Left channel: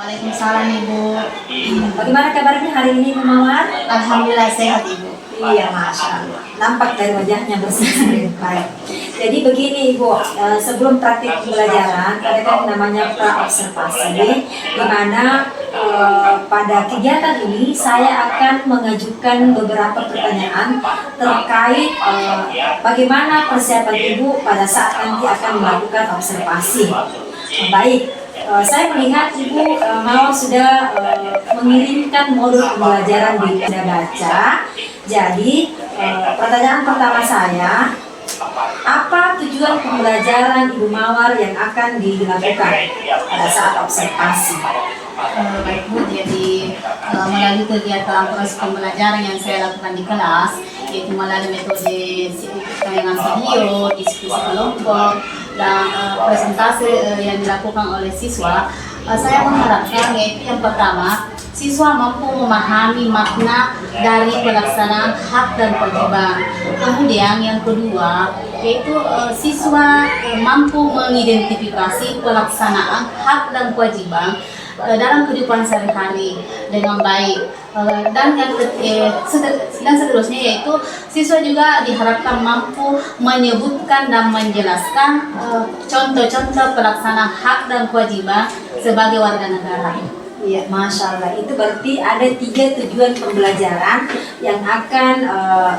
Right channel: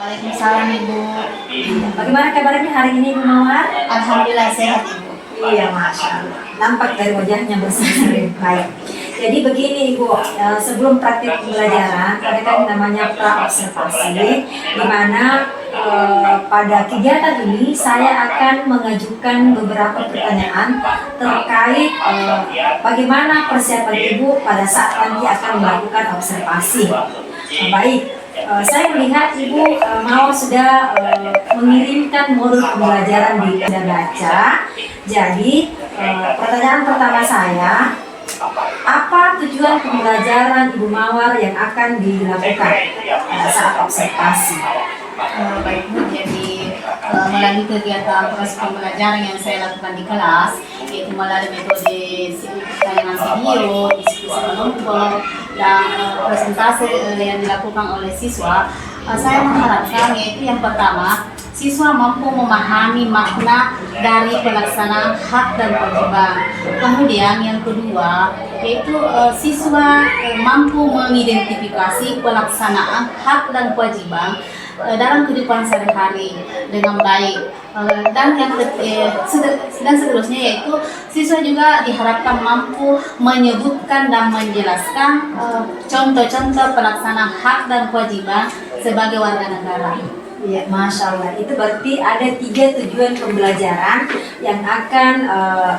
Waalaikumsalam Ibu. Bagaimana kabarnya hari ini Ibu Mawar? Alhamdulillah sehat Ibu. Iya, Masya Allah. Nampak dari wajahnya bersih. Baik. Jadi begini Ibu, sebelum praktik pembelajaran ada kan namanya pra-observasi, di mana pada kegiatan ini saya akan mengajukan beberapa pertanyaan terkait bagaimana persiapan Ibu pada saat nanti akan melakukan observasi. Baik. Saya melihat Ibu Mawar sudah mengirimkan modul pembelajaran di Anda Baca. Jadi pertanyaan pertama saya, apa tujuan pembelajaran Ibu Mawar yang akan dilakukan pada saat observasi? Baik Bu, jadi melalui kegiatan proses pembelajaran yang saya lakukan di kelas, yaitu melalui metode tayangan video, diskusi kelompok, dan presentasi yang dilakukan oleh siswa, saya mengharapkan yaitu yang pertama, siswa mampu memahami makna dari pelaksanaan hak dan kewajiban. Kemudian yang kedua, yaitu siswa mampu mengidentifikasi pelaksanaan hak dan kewajiban dalam kehidupan sehari-hari dengan baik. Dan seterusnya yaitu siswa juga diharapkan mampu menyebutkan dan menjelaskan contoh-contoh pelaksanaan hak dan kewajiban sebagai warga negara. Iya, Masya Allah. Itu berarti ada 3 tujuan pembelajaran yang akan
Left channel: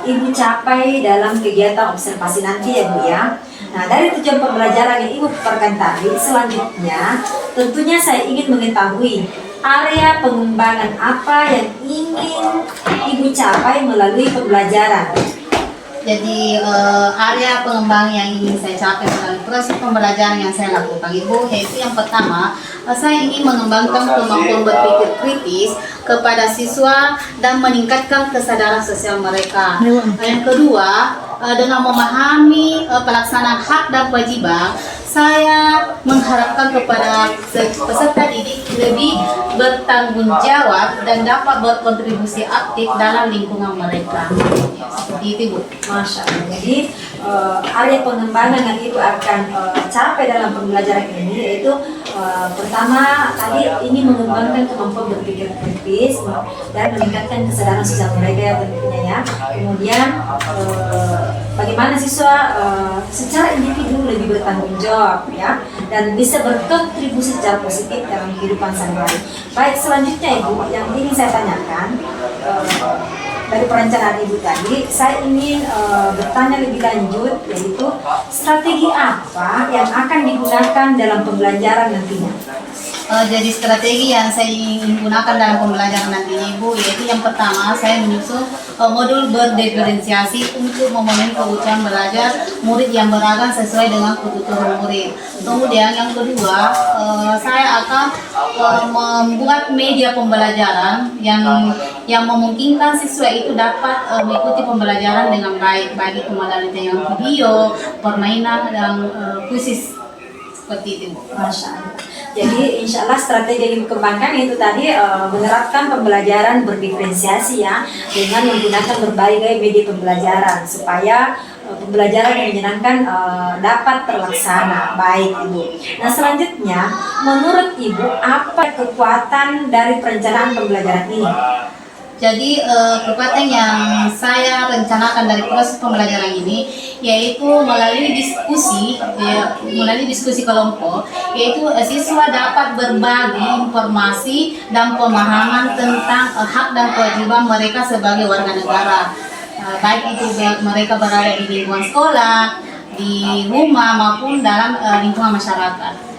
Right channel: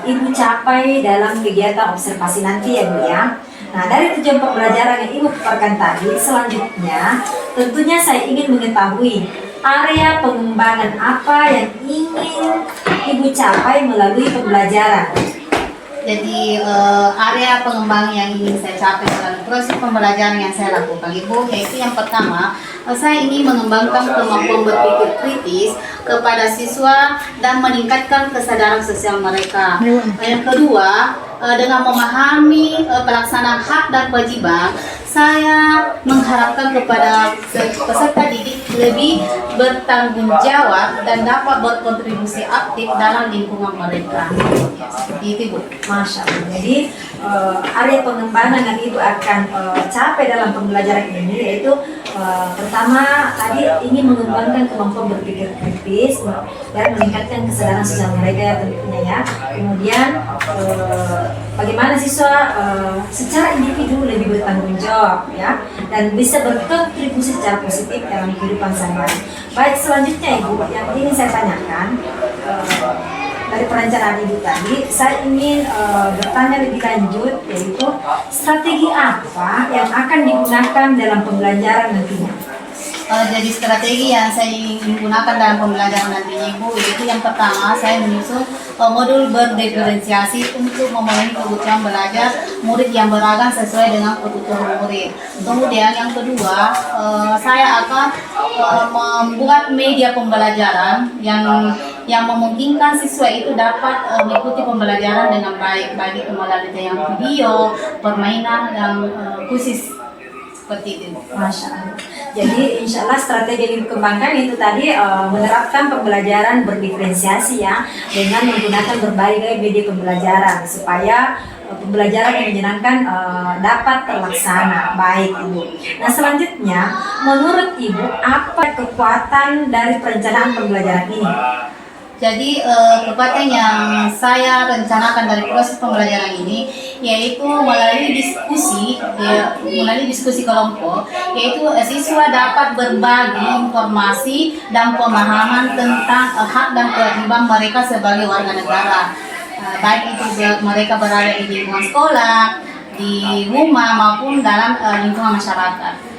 Ibu capai dalam kegiatan observasi nanti ya Bu ya. Nah, dari tujuan pembelajaran yang Ibu paparkan tadi, selanjutnya tentunya saya ingin mengetahui area pengembangan apa yang ingin Ibu capai melalui pembelajaran. Jadi area pengembangan yang ingin saya capai melalui proses pembelajaran yang saya lakukan Ibu, yaitu yang pertama, saya ingin mengembangkan kemampuan berpikir kritis kepada siswa dan meningkatkan kesadaran sosial mereka. Yang kedua, dengan memahami pelaksanaan hak dan kewajiban, saya mengharapkan kepada peserta didik lebih bertanggung jawab dan dapat berkontribusi aktif dalam lingkungan mereka. Ya, seperti itu Bu. Masya Allah. Jadi area pengembangan yang Ibu akan capai dalam pembelajaran ini yaitu pertama tadi ingin mengembangkan kemampuan berpikir kritis dan meningkatkan kesadaran sosial mereka ya tentunya ya. Kemudian bagaimana siswa secara individu lebih bertanggung jawab ya dan bisa berkontribusi secara positif dalam kehidupan sehari-hari. Baik, selanjutnya Ibu yang ingin saya tanyakan dari perencanaan Ibu tadi, saya ingin bertanya lebih lanjut yaitu strategi apa yang akan digunakan dalam pembelajaran nantinya? Jadi strategi yang saya ingin gunakan dalam pembelajaran nantinya Ibu, yaitu yang pertama saya menyusun modul berdiferensiasi untuk memenuhi kebutuhan belajar murid yang beragam sesuai dengan kebutuhan murid. Kemudian yang kedua, saya akan membuat media pembelajaran yang memungkinkan siswa itu dapat mengikuti pembelajaran dengan baik, baik itu melalui tayangan video, permainan, dan kuisis seperti itu. Masya Allah. Jadi insya Allah strategi yang dikembangkan itu tadi menerapkan pembelajaran berdiferensiasi ya dengan menggunakan berbagai media pembelajaran supaya pembelajaran yang menyenangkan dapat terlaksana baik Ibu. Nah selanjutnya menurut Ibu apa kekuatan dari perencanaan pembelajaran ini? Jadi kekuatan yang saya rencanakan dari proses pembelajaran ini yaitu melalui diskusi kelompok, yaitu siswa dapat berbagi informasi dan pemahaman tentang hak dan kewajiban mereka sebagai warga negara, baik itu mereka berada di lingkungan sekolah, di rumah maupun dalam lingkungan masyarakat.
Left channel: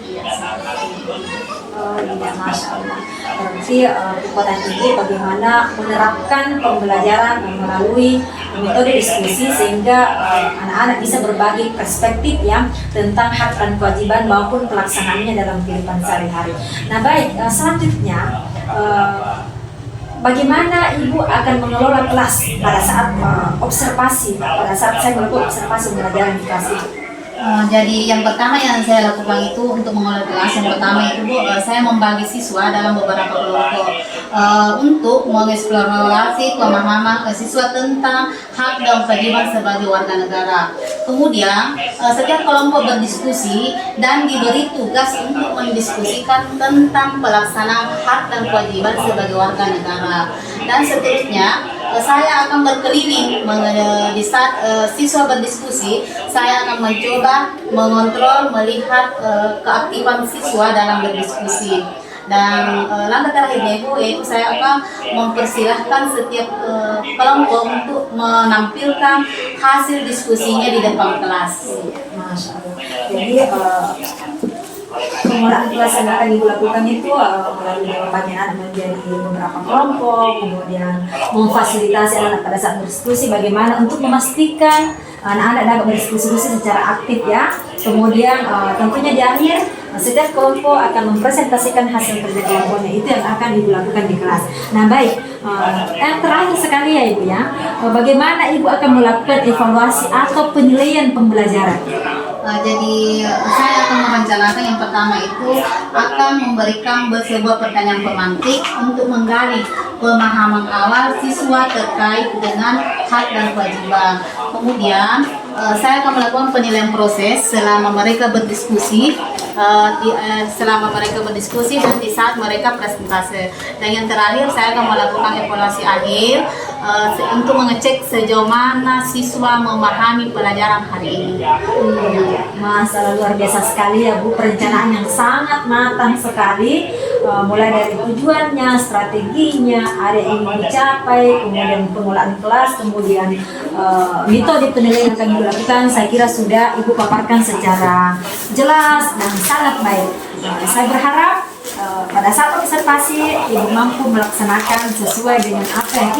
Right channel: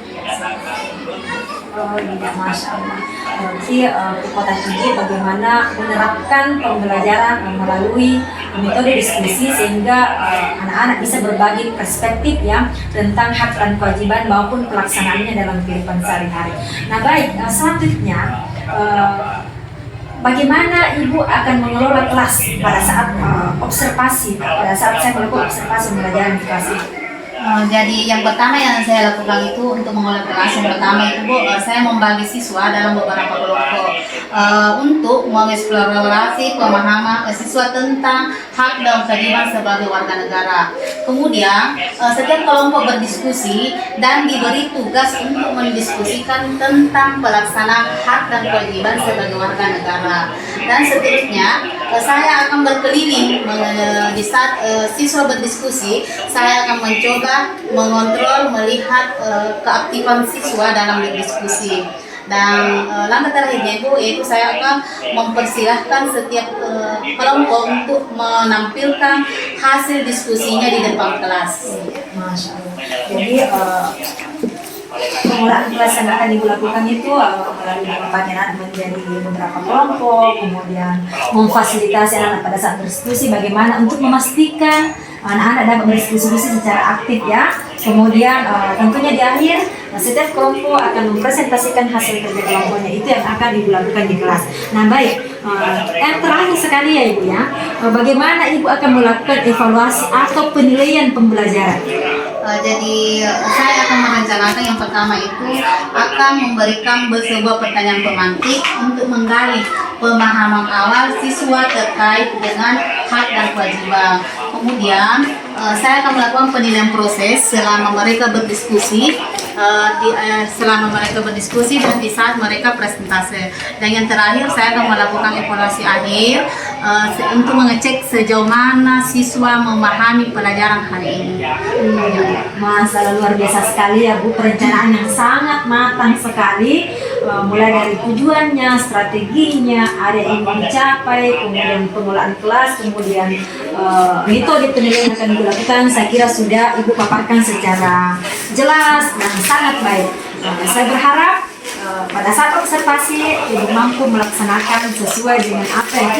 Oh iya, Masya Allah. Berarti kekuatan ini bagaimana menerapkan pembelajaran melalui metode diskusi sehingga anak-anak bisa berbagi perspektif ya tentang hak dan kewajiban maupun pelaksanaannya dalam kehidupan sehari-hari. Nah baik, selanjutnya bagaimana Ibu akan mengelola kelas pada saat observasi, pada saat saya melakukan observasi pembelajaran di kelas itu? Jadi yang pertama yang saya lakukan itu untuk mengolah kelas, yang pertama itu Bu, saya membagi siswa dalam beberapa kelompok untuk mengeksplorasi pemahaman siswa tentang hak dan kewajiban sebagai warga negara. Kemudian setiap kelompok berdiskusi dan diberi tugas untuk mendiskusikan tentang pelaksanaan hak dan kewajiban sebagai warga negara. Dan seterusnya saya akan berkeliling di saat siswa berdiskusi. Saya akan mencoba mengontrol, melihat keaktifan siswa dalam berdiskusi. Dan langkah terakhirnya Ibu, yaitu saya akan mempersilahkan setiap kelompok untuk menampilkan hasil diskusinya di depan kelas. Masya Allah. Jadi pengelolaan kelas yang akan Ibu lakukan itu melalui pembagian anak menjadi beberapa kelompok, kemudian memfasilitasi anak-anak pada saat berdiskusi, bagaimana untuk memastikan anak-anak dapat berdiskusi secara aktif ya. Kemudian tentunya di akhir setiap kelompok akan mempresentasikan hasil kerja kelompoknya, itu yang akan Ibu lakukan di kelas. Nah baik, yang terakhir sekali ya Ibu ya, bagaimana Ibu akan melakukan evaluasi atau penilaian pembelajaran? Jadi saya akan merencanakan yang pertama itu akan memberikan sebuah pertanyaan pemantik untuk menggali pemahaman awal siswa terkait dengan hak dan kewajiban. Kemudian saya akan melakukan penilaian proses selama mereka berdiskusi, dan di saat mereka presentasi. Dan yang terakhir saya akan melakukan evaluasi akhir untuk mengecek sejauh mana siswa memahami pelajaran hari ini. Masalah luar biasa sekali ya Bu, perencanaan yang sangat matang sekali, mulai dari tujuannya, strateginya, ada yang ingin dicapai, kemudian pengelolaan kelas, kemudian metode penilaian yang akan Ibu lakukan, saya kira sudah Ibu paparkan secara jelas dan sangat baik. Saya berharap pada saat observasi Ibu mampu melaksanakan sesuai dengan apa yang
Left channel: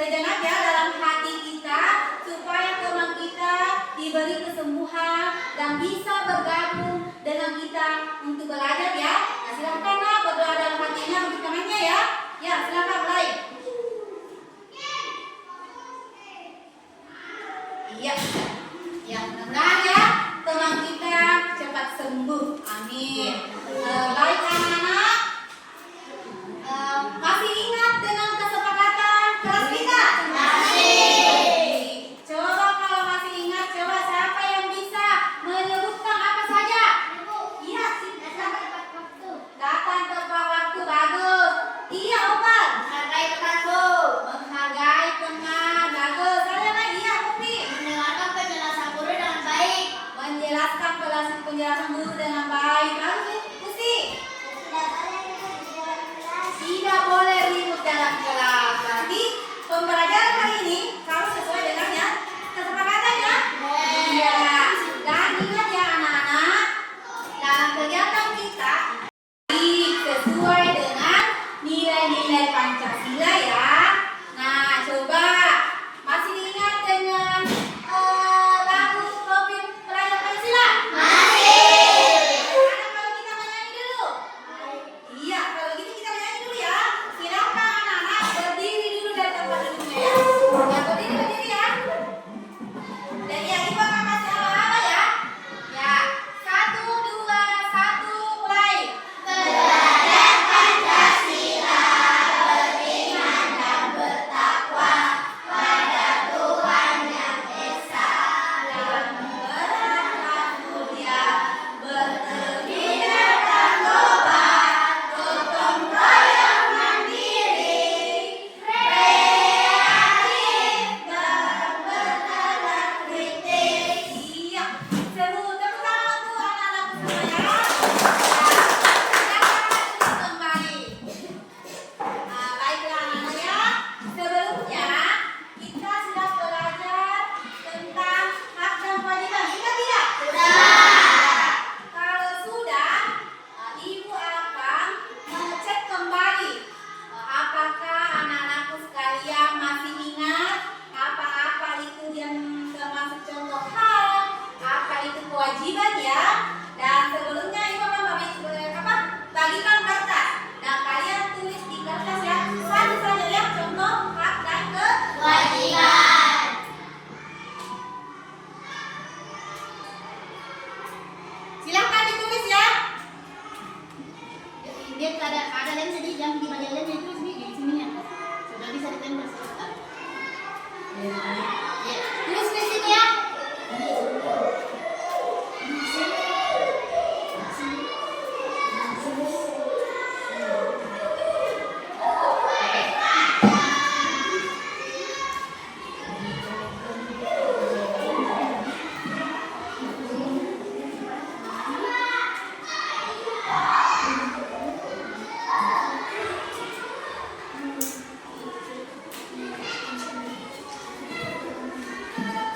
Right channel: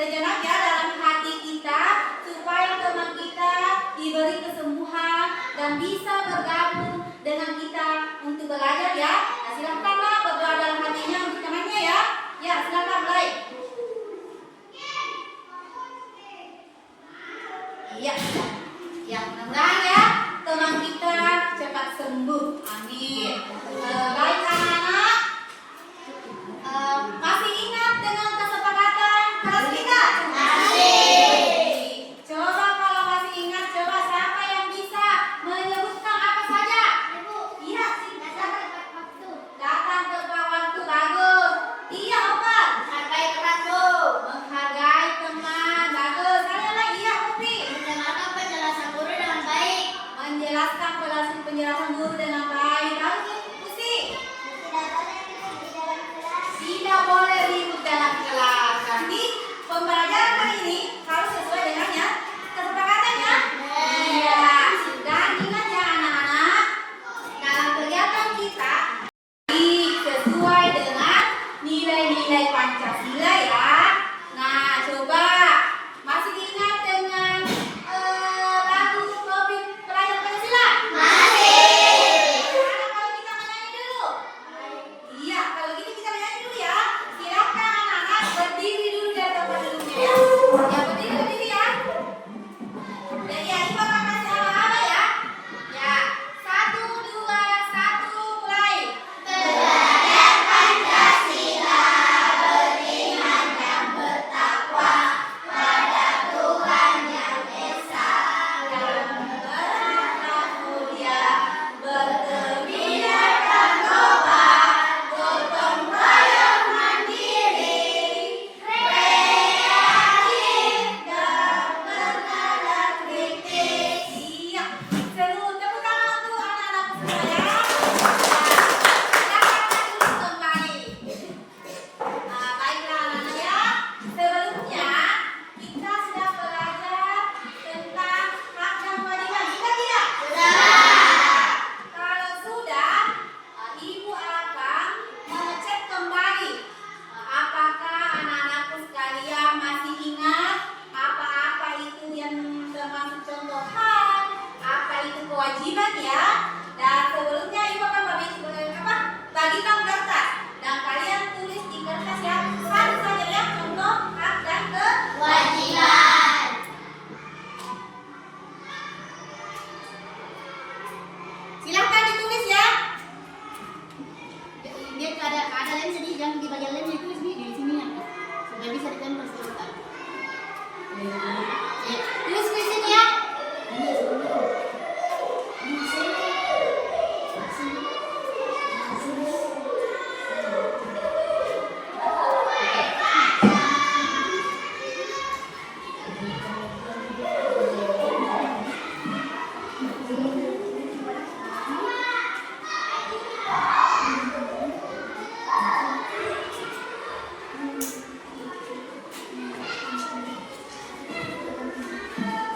sejenak ya dalam hati kita, supaya teman kita diberi kesembuhan dan bisa bergabung dengan kita untuk belajar ya. Nah, silakanlah berdoa dalam hatinya untuk temannya ya. Ya, silakan mulai. Iya. Ya, mudah-mudahan ya teman kita cepat sembuh. Amin. Baik anak-anak, masih ingat dengan kesepakatan kelas kita? Masih. Coba kalau masih ingat, coba siapa yang bisa menyebutkan apa saja? Ibu. Iya, datang tepat waktu. Datang tepat waktu, bagus. Iya, Opa. Menghargai temanmu. Menghargai teman, bagus. Saya lagi ya, Upi. Mendengarkan penjelasan guru dengan baik. Menjelaskan penjelasan guru dengan baik. Bagus, Usi. Tidak boleh ribut dalam kelas. Nanti pembelajaran kali ini harus sesuai dengan ya kesepakatannya. Iya. Dan ingat ya anak-anak, dalam kegiatan kita kewajiban kertas dan kalian tulis di kertas yang satu saja ya, contoh hak dan kewajiban. Silahkan ditulis ya. Dia ada lem sedih, yang di bagian lemnya itu di sini ya. Sudah bisa ditempel sebentar. Ya, tulis di sini ya.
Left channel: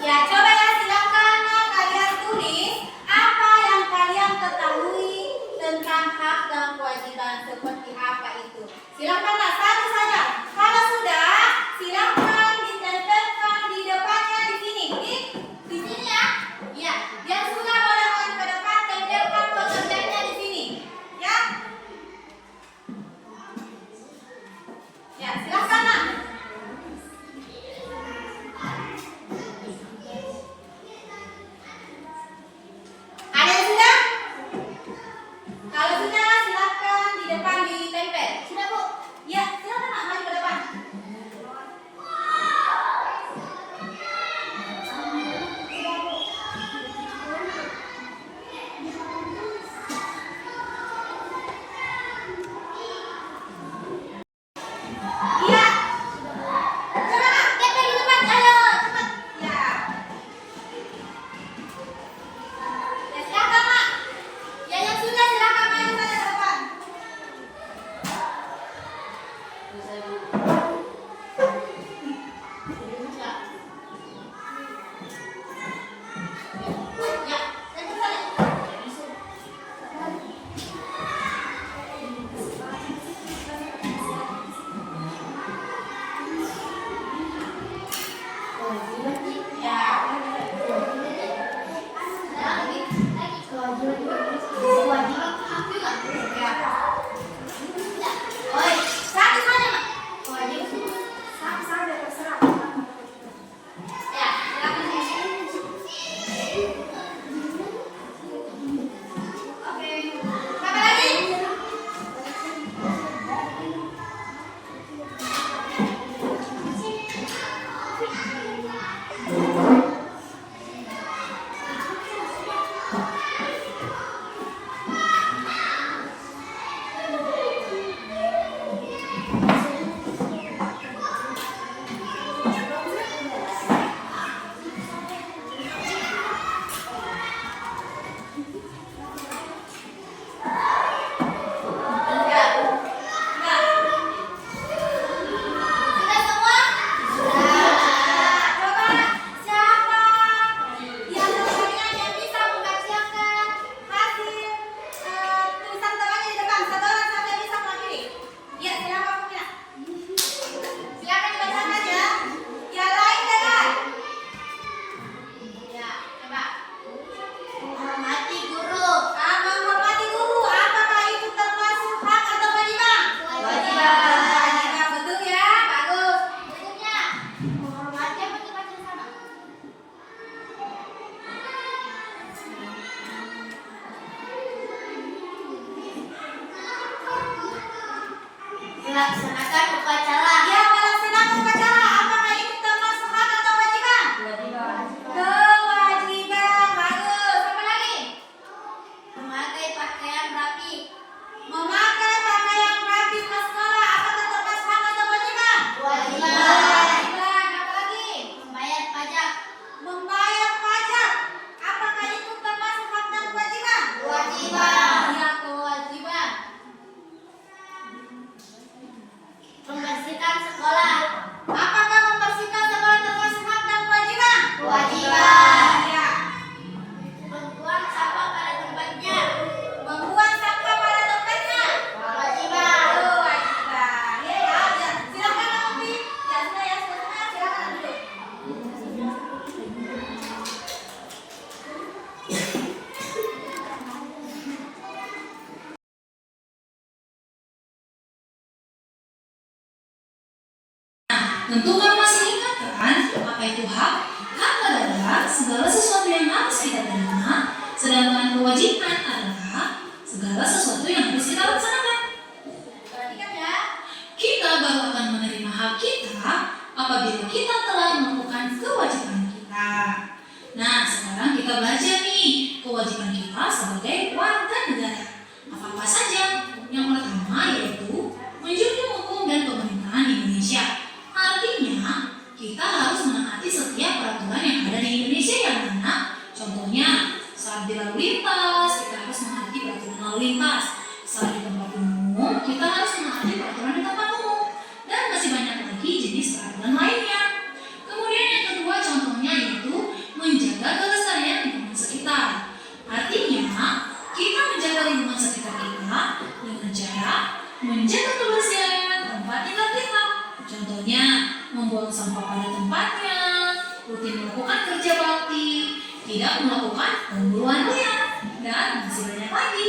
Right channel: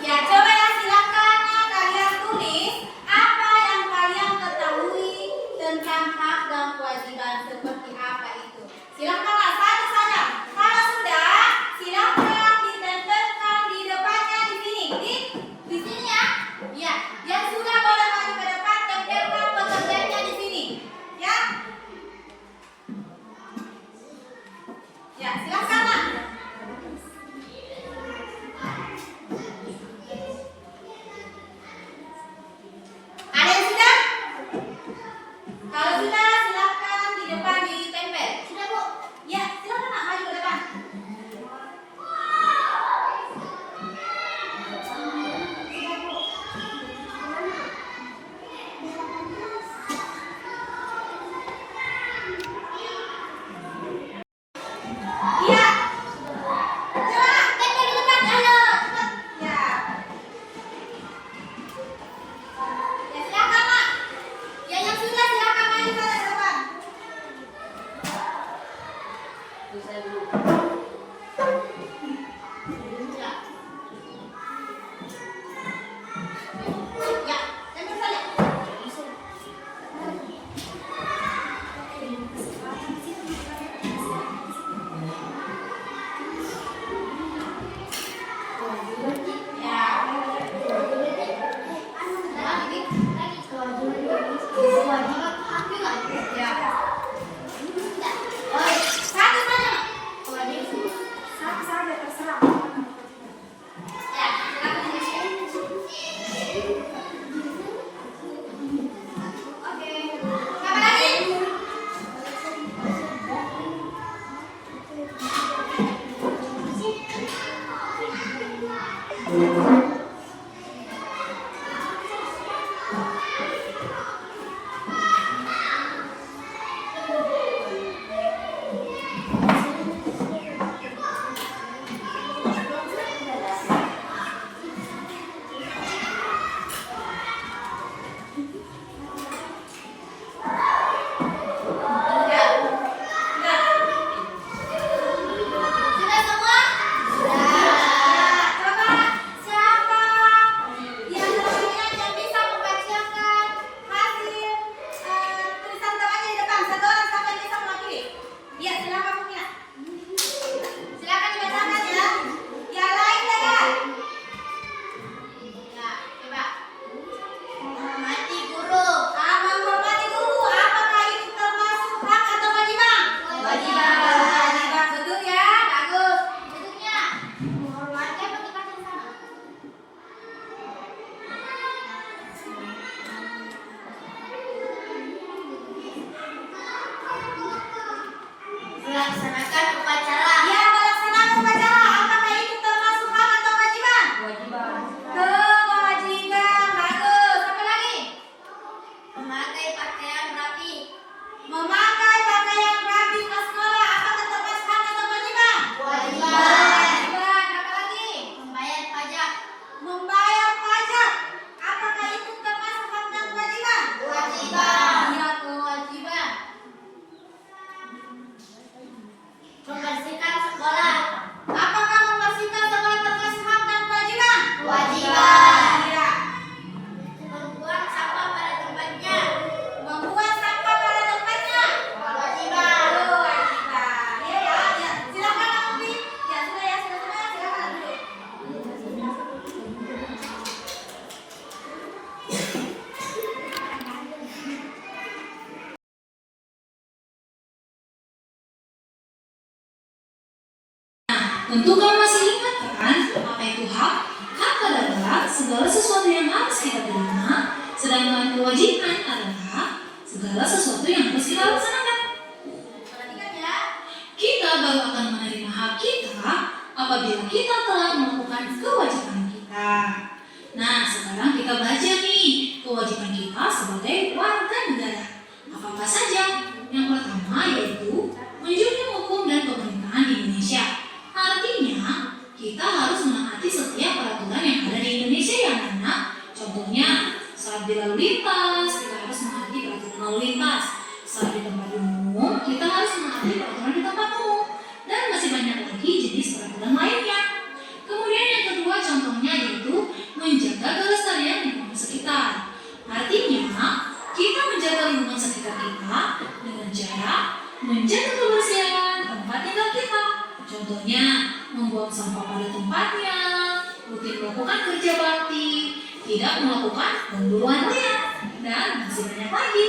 Ya, coba ya, silakan kalian tulis apa yang kalian ketahui tentang hak dan kewajiban seperti apa itu. Silakanlah satu saja. Kalau sudah, silakan ditempelkan di depannya di sini. Di sini ya. Ya, yang sudah boleh maju ke depan, tempelkan pekerjaannya di sini. Ya. Ya, silakanlah. Ada yang sudah? Kalau sudah, silakan di depan ditempel. Sudah, Bu? Ya, silakan Nak, maju ke depan. Iya. Coba Nak, tempel di depan. Ayo, cepat. Ya. Ya, silakan Nak. Ya, yang sudah silakan maju saja ke depan. Ya, tempel saja. Sudah semua? Sudah. Coba siapa di antara kalian yang bisa membacakan hasil tulisan temannya di depan? Satu orang saja yang bisa mewakili. Ya, silakan punya. Silakan dibacakan ya. Yang lain dengar. Ya, coba. Menghormati guru. Menghormati guru. Apakah itu termasuk hak atau kewajiban? Kewajiban. Betul ya? Bagus. Berikutnya, menghormati apa dibaca di sana? Melaksanakan upacara. Ya, melaksanakan upacara. Apakah itu termasuk hak atau kewajiban? Kewajiban. Bagus. Apa lagi? Memakai pakaian rapi. Memakai pakaian rapi ke sekolah. Apakah termasuk hak atau kewajiban? Kewajiban. Apa lagi? Membayar pajak. Membayar pajak. Apakah itu termasuk hak dan kewajiban? Kewajiban. Ya, kewajiban. Tentu kamu masih ingat kan apa itu hak? Hak adalah segala sesuatu yang harus kita terima, sedangkan kewajiban adalah segala sesuatu yang harus kita laksanakan. Perhatikan ya. Kita baru akan menerima hak kita apabila kita telah melakukan kewajiban kita. Nah, sekarang kita belajar nih kewajiban kita sebagai warga negara. Apa saja? Yang pertama yaitu menjunjung hukum dan pemerintahan di Indonesia. Artinya, kita harus menaati setiap peraturan yang ada di Indonesia yang mana contohnya saat di lalu lintas, kita harus menaati peraturan lalu lintas. Saat di tempat umum, kita harus menaati peraturan di tempat umum. Dan masih banyak lagi jenis peraturan lainnya. Kemudian yang kedua contohnya yaitu menjaga kelestarian lingkungan sekitar. Artinya, kita menjaga lingkungan sekitar kita dengan cara menjaga kebersihan tempat tinggal kita. Contohnya, membuang sampah pada tempatnya, rutin melakukan kerja bakti, tidak melakukan pemburuan liar, dan masih banyak lagi.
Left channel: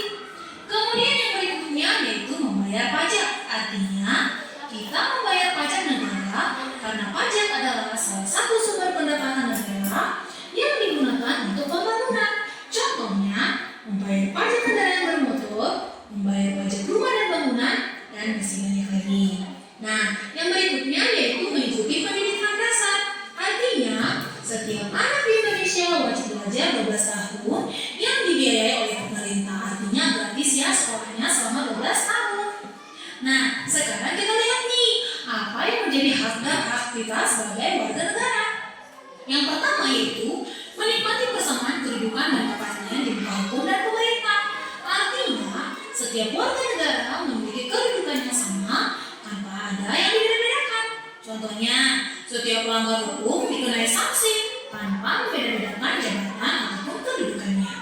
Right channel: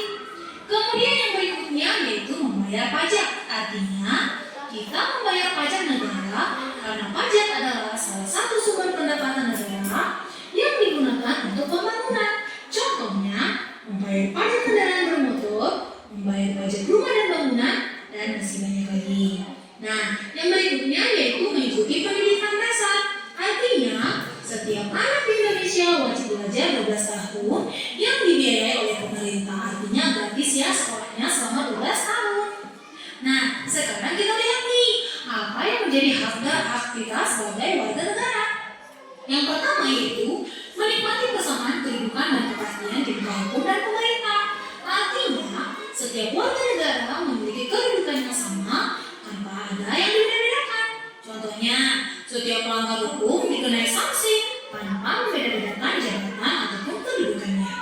Kemudian yang berikutnya yaitu membayar pajak. Artinya, kita membayar pajak negara karena pajak adalah salah satu sumber pendapatan negara yang digunakan untuk pembangunan. Contohnya, membayar pajak kendaraan bermotor, membayar pajak rumah dan bangunan, dan masih banyak lagi. Nah, yang berikutnya yaitu mengikuti pendidikan dasar. Artinya, setiap anak di Indonesia wajib belajar 12 tahun yang dibiayai oleh pemerintah. Artinya gratis ya sekolahnya selama 12 tahun. Nah, sekarang kita lihat nih, apa yang menjadi hak kita sebagai warga negara. Yang pertama yaitu menikmati persamaan kehidupan dan kepastian di bidang hukum dan pemerintah. Artinya, setiap warga negara memiliki kedudukan yang sama tanpa ada yang dibedakan. Contohnya, setiap pelanggar hukum dikenai sanksi tanpa membeda-bedakan jabatan ataupun kedudukannya.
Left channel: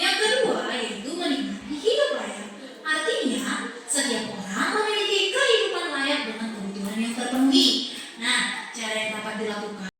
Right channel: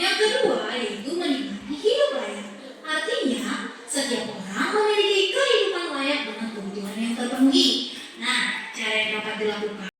Yang kedua yaitu menikmati hidup layak. Artinya, setiap orang memiliki kehidupan layak dengan kebutuhan yang terpenuhi. Nah, cara yang dapat dilakukan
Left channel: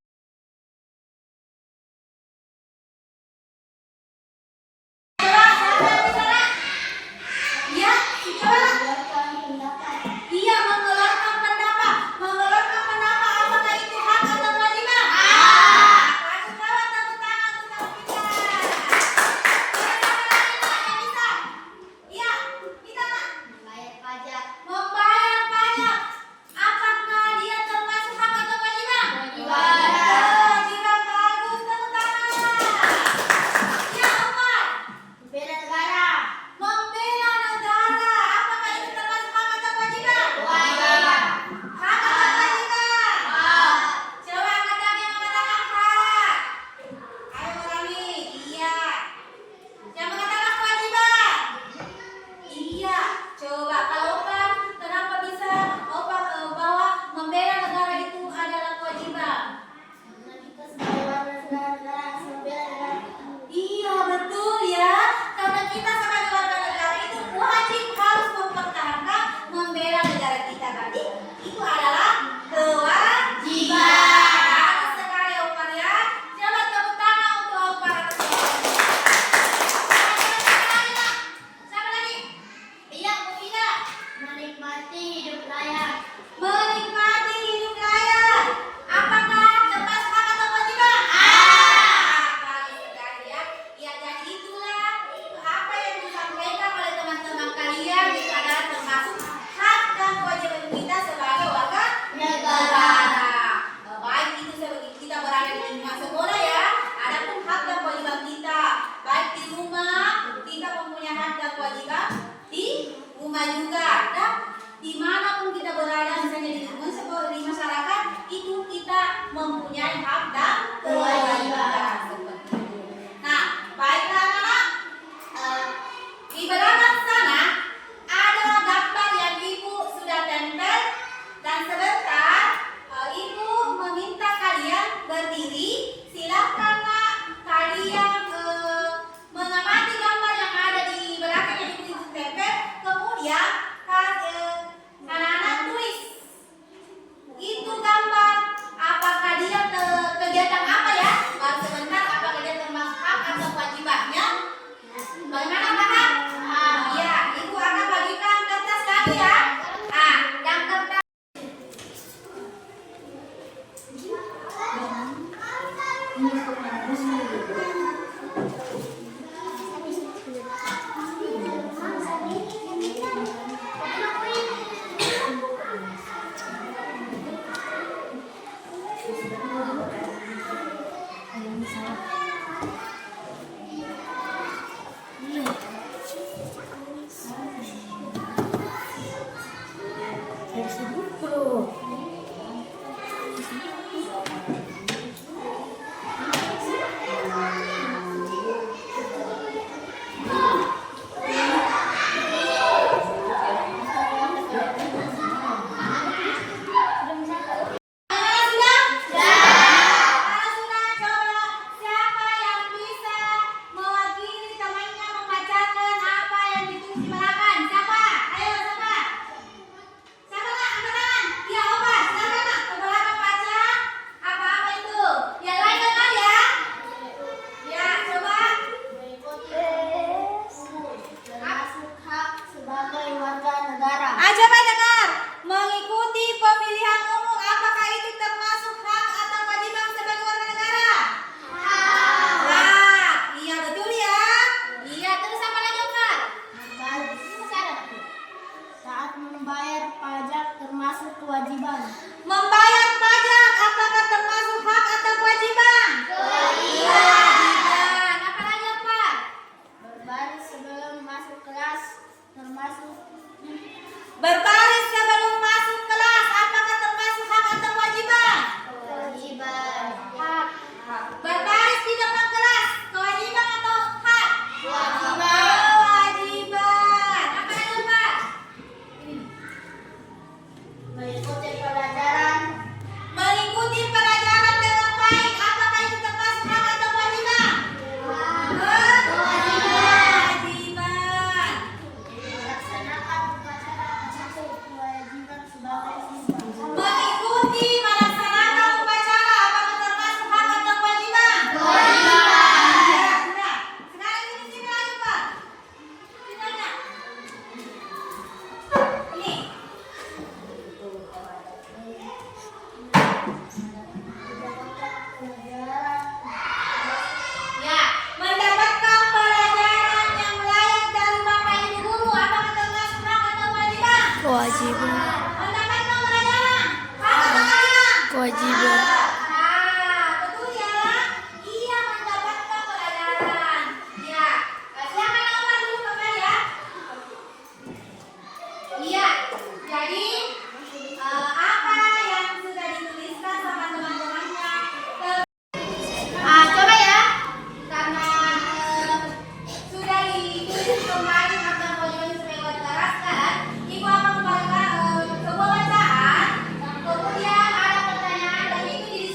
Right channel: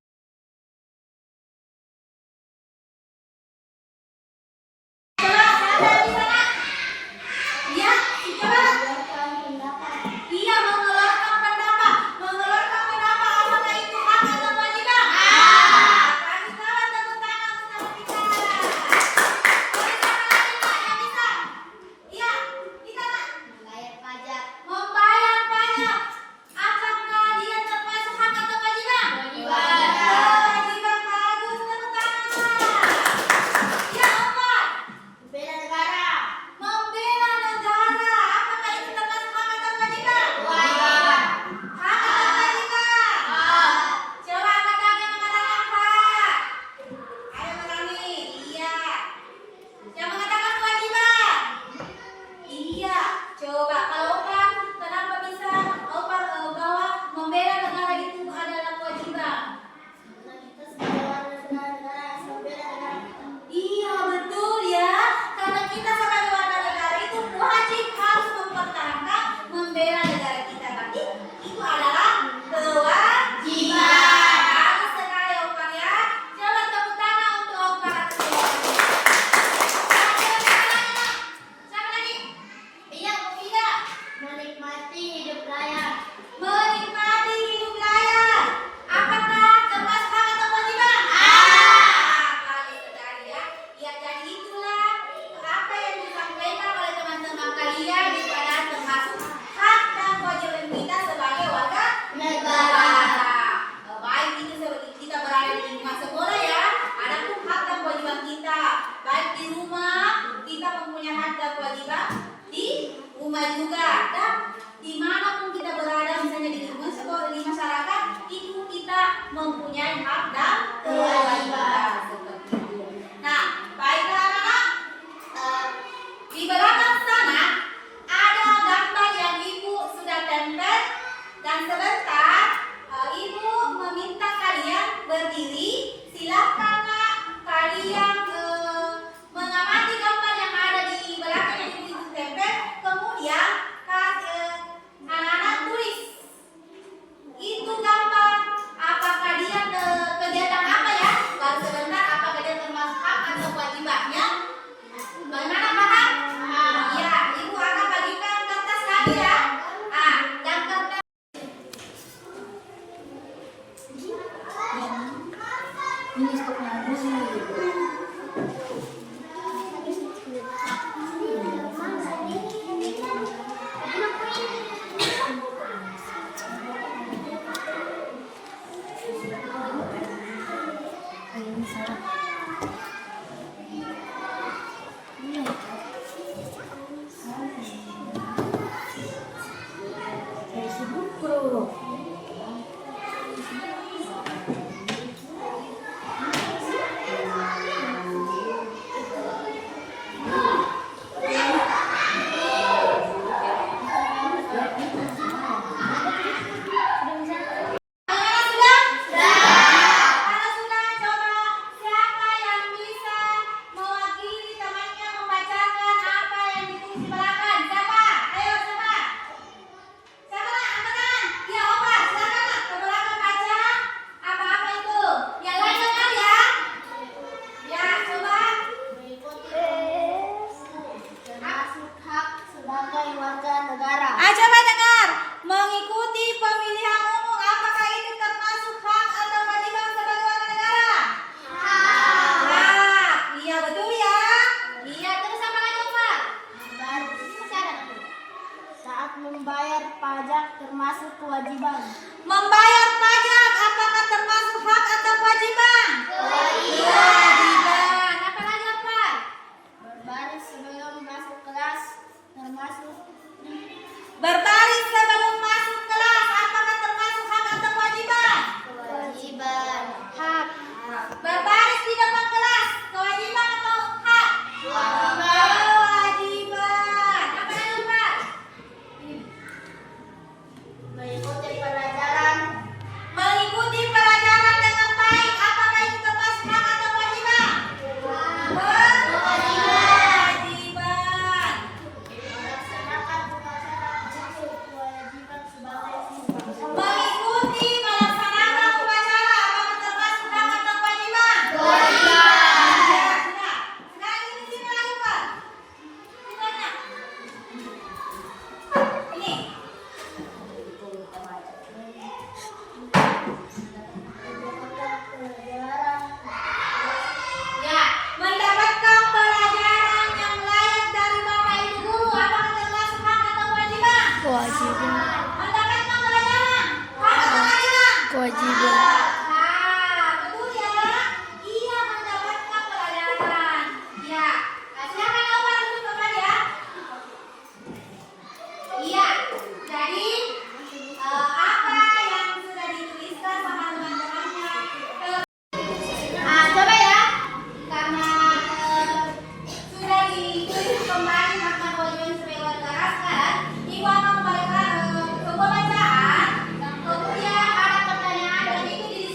mempunyai hak dan kewajiban. Nah, baiklah anak-anak, di belakang sana ada gambar yang ibu sudah tempel dan sebentar ibu meminta kalian berdiri. Silakanlah kalian mengamati gambar yang ada di belakang yang ibu tempel. Kemudian anak-anak tulis itu gambar. Apakah dia kegiatan apa ya? Baru sebentar, apakah dia termasuk hak atau kewajibannya? Bagaimana paham? Ya, ibu akan bagikan kertas lagi ya. Yang kertas. coba dengar. Mengikuti pemilihan umum apakah itu termasuk hak atau kewajiban sebagai warga negara? Hak. Iya betul ya. Iya, terus apa lagi, Umar? Saat membayar pajak termasuk kewajiban. Membayar pajak apakah termasuk hak atau kewajiban? Kewajiban. Apa lagi, Umar? Berbaris sebelum masuk kelas termasuk Berbaris sebelum masuk kelas apakah termasuk hak atau kewajiban? kewajiban. Hak. Berbaris di depan kelas kewajiban atau hak? Kewajiban. Apa lagi, Umar? Mengikuti pelajaran. Mengikuti pelajaran dengan baik apakah itu termasuk hak atau kewajiban? Kewajiban. Melaksanakan upacara kewajiban sebagai siswa. Mengikuti melaksanakan upacara apakah termasuk hak atau kewajiban? Kewajiban. Sekarang ini sini lagi, Pak. Sini. Ini. Ya, mendapatkan pelajaran yang layak dari Bapak Ibu guru apakah termasuk hak atau kewajiban? Kewajiban. Mendapatkan pelajaran hak atau kewajiban? Kewajiban. Ah, betul ya? Iya, mendapatkan pelajaran. Ya, silakan Umar dulu Bapak ya. Iya, jadi apa yang sudah dituliskan sama teman-temannya? Coba ya, karena sudah ditulis kembali maka kewajiban sebagai warga negara sekarang, Ibu akan kembalikan ke pembacaan. Kemudian ada pertanyaan dan itu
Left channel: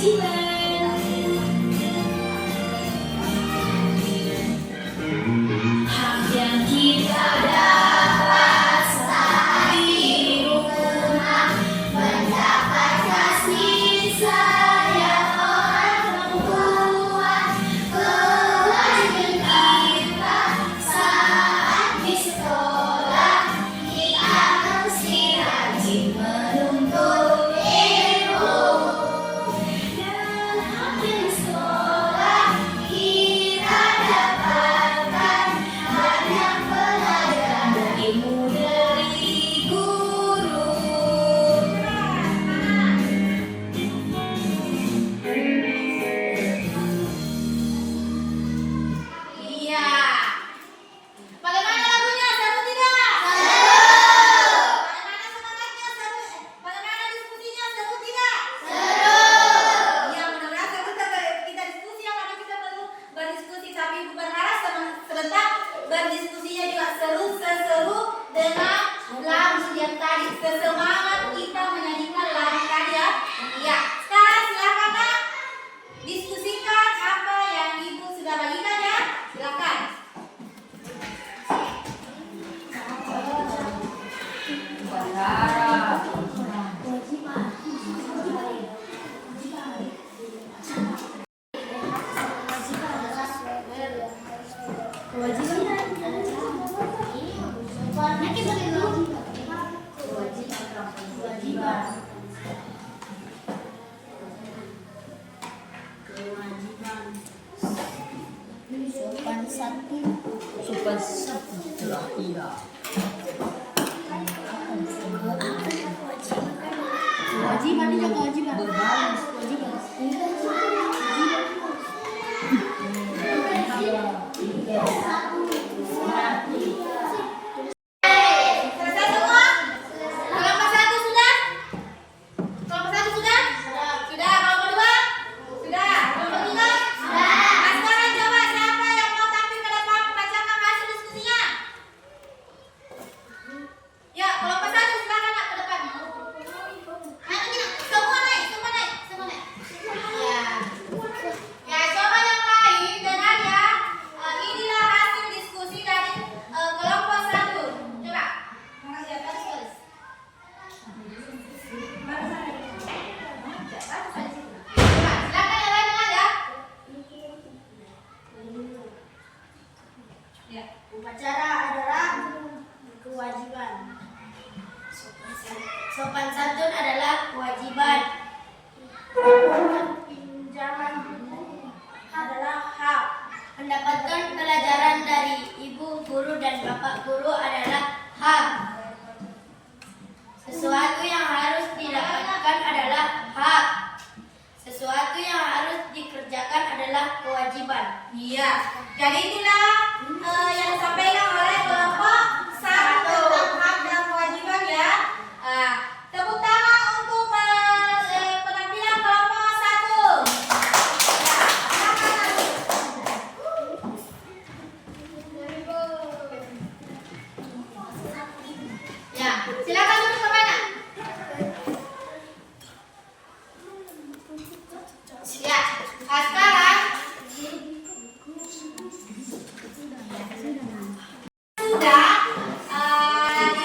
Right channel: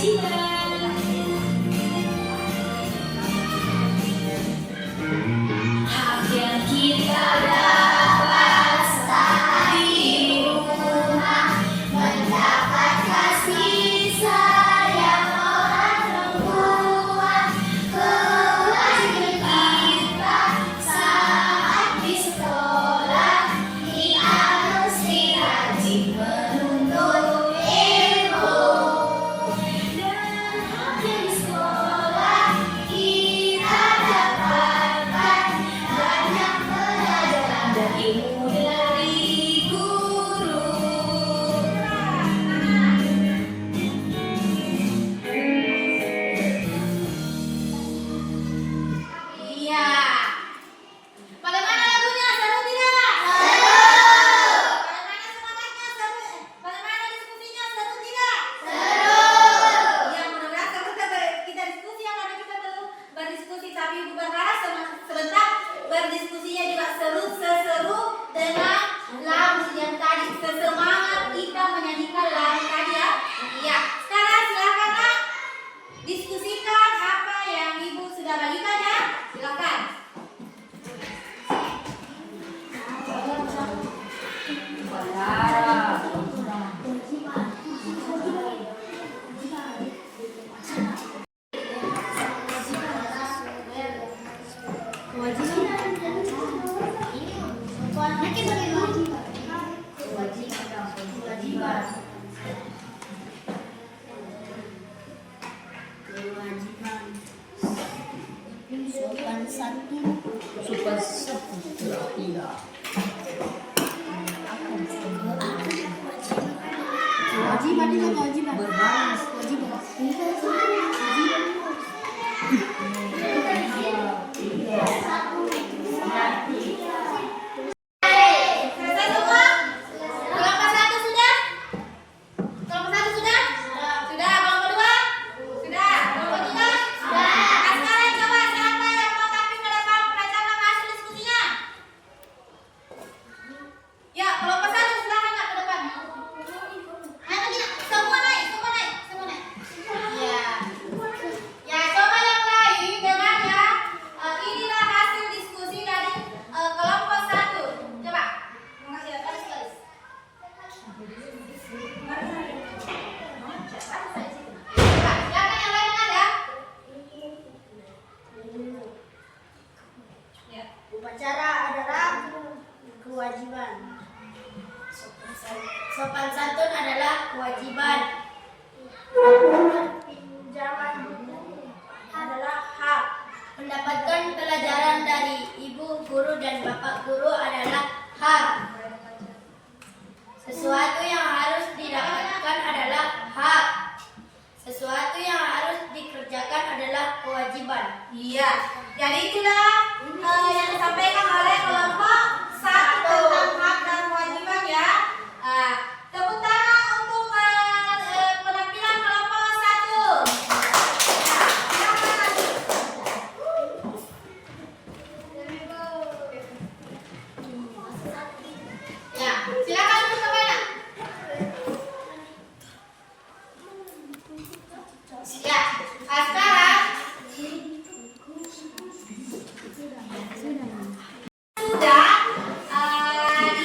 Hak yang kita dapat saat di rumah, mendapat kasih sayang orang tua, kewajiban kita saat di sekolah, kita mesti rajin menuntut ilmu. Dan hak yang sekolah kita dapatkan banyak pelajaran dan ilmu dari guru. Iya. Bagaimana lagunya? Seru tidak? Seru. Bagaimana semangatnya? Seru. Bagaimana diskusinya? Seru tidak? Seru. Ya, mudah-mudahan seru kita diskusi ya, karena kita baru berdiskusi, tapi Ibu berharap sebentar berdiskusinya juga seru dengan lagu yang tadi, sesemangat kita menyanyikan lagu tadi ya. Iya. Sekarang silakan Kak, diskusikan apa yang Ibu sudah bagikan ya. Silakan. Sopan satu. Sopan satu telah tidak. Kewajiban itu kewajiban. Berbalas. Selesai semua? Kelompok satu sudah? Kelompok satu sudah? Sudah. Kelompok dua? Sudah. Kelompok tiga? Sudah. Nah, sekarang coba siapa yang mau tampil ke depan membacakan hasil diskusinya? Ya, kelompok satu silakan Kak ke depan. Ayo tidak, semua naik. Ya. Ya, coba yang lain dengar ya. Inilah hasil diskusi dari kelompok satu. Coba. Ya, baris. Coba, silakan yang lain dengar ya. Ya. Upacara adalah kewajiban. Sopan santun adalah kewajiban. Pinjaman buku adalah hak. Mendapatkan pelajaran dari ibu guru dan bapak guru adalah hak. Sesuatu yang harus didapatkan adalah hak. Sesuatu yang harus dikerjakan adalah kewajiban. Iya. Jadi itulah yang disampaikan oleh kelompok satu tentang hak dan kewajiban ya. Tepuk tangan untuk penampilan kelompok satu. Ya, silakan untuk ke mana? Ya, sekarang sudah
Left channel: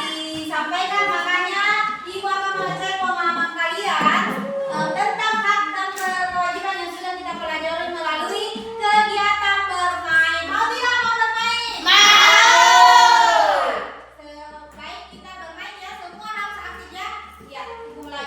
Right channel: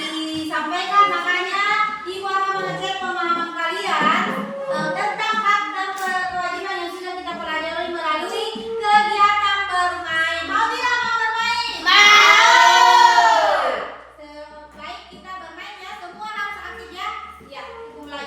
disampaikan, makanya Ibu akan mengecek pemahaman kalian tentang hak dan kewajiban yang sudah kita pelajari melalui kegiatan bermain. Mau tidak mau bermain? Mau. Baik, kita bermain ya, semua harus aktif ya. Ya, Ibu mulai.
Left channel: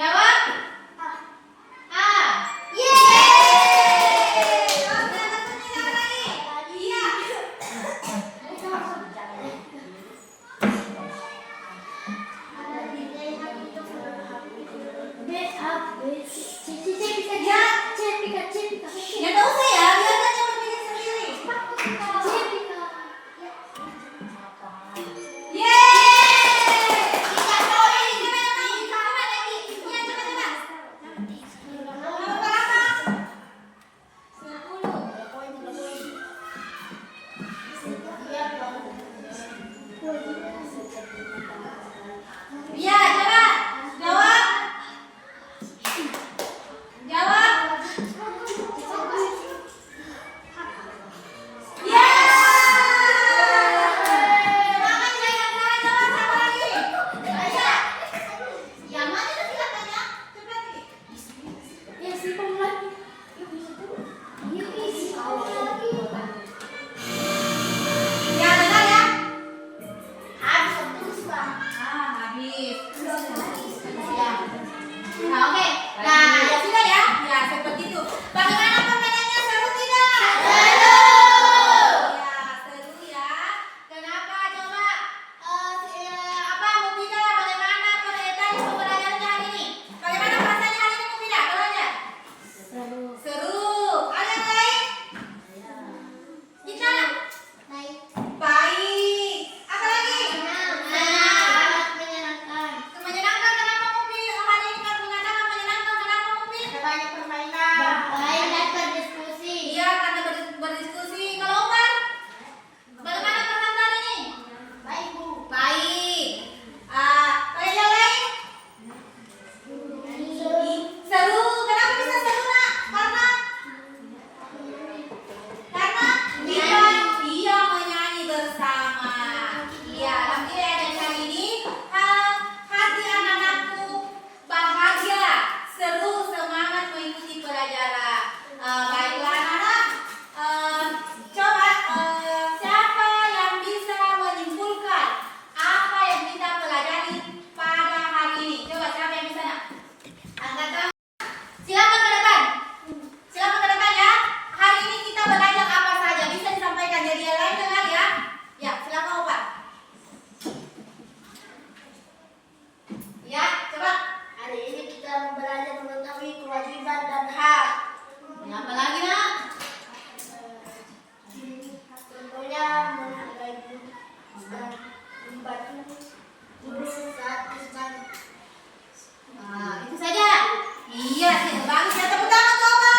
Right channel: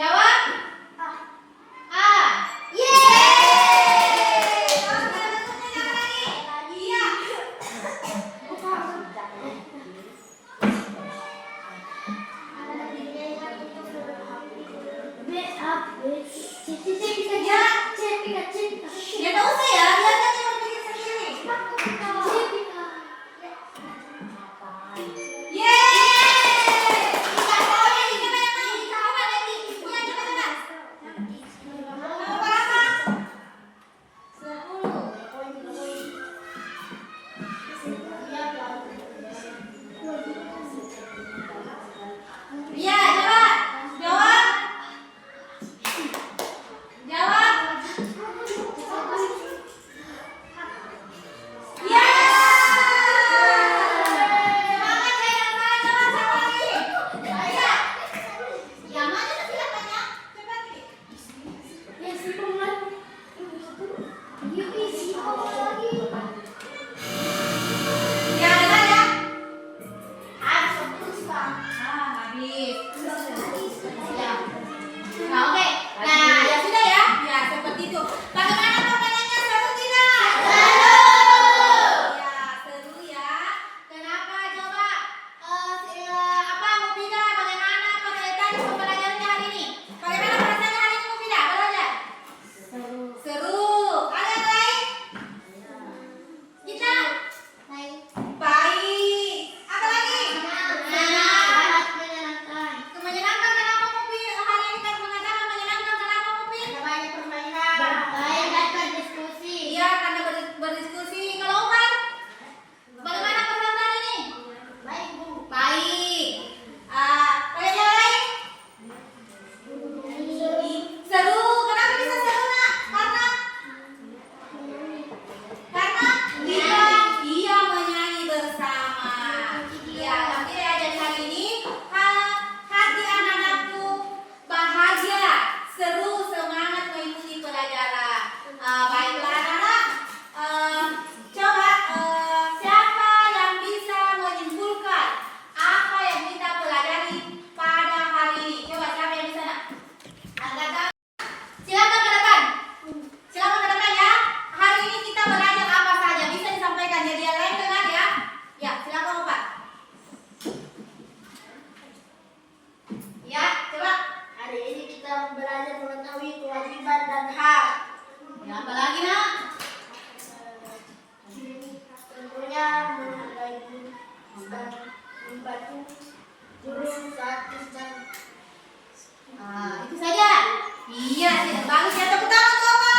Jawab. A. Iya. Ya tahu saya, biarkan yang berpikir sendiri. Iya, jawab. Jawab. Jawab. Iya. Semangat ya, yang salah jawab sama lagi. Iya. Yang mana tuh silakan ya. Cepat nih. Ya, dengar ya. Habis. Ya. Nah, oke. Nah, ya sudah ya. Ya, seperti itu. Bagaimana permainannya? Seru tidak? Seru. Ya, seru ya. Kenapa coba apa Mufidah? Bagaimana tadi pembelajaran hari ini? Bagaimana rasanya hari ini Mufidah? Belajar? Seru. Ada yang lain? Kita? Baik. Apa lagi? Menyenangkan. Kenapa Mufi hari ini kan mengatakan menyenangkan? Kenapa Mufi? Iya, karena berdiskusi. Kalau Umar, bagaimana pesan hari ini? Baik. Ada yang lain? Seru. Kenapa bisa seru, Nak? Karena dia menyanyi bersama. Iya, tapi ada hari ini hati anak-anakku bahagia, seru, semangat mengikuti pelajaran. Baiklah anak-anak, coba siapa yang bisa menyimpulkan apa yang kita pelajari pada hari ini? Coba siapa yang bisa, Nak? Angkat tangan. Silakan ke depan. Silakan ke depan ya. Hari ini kita belajar apa saja? Bisa disampaikan jadi yang lain dengar ya. Ya, silakan Opa. Ya, coba. Hari ini kita belajar mengetahui kewajiban dan hak. Ya, apa lagi, Nak? Contohnya menghargai guru dan membantu guru saat pesan. Itu saja. Iya, sih bagus ya, tepuk tangan tuh, Opa.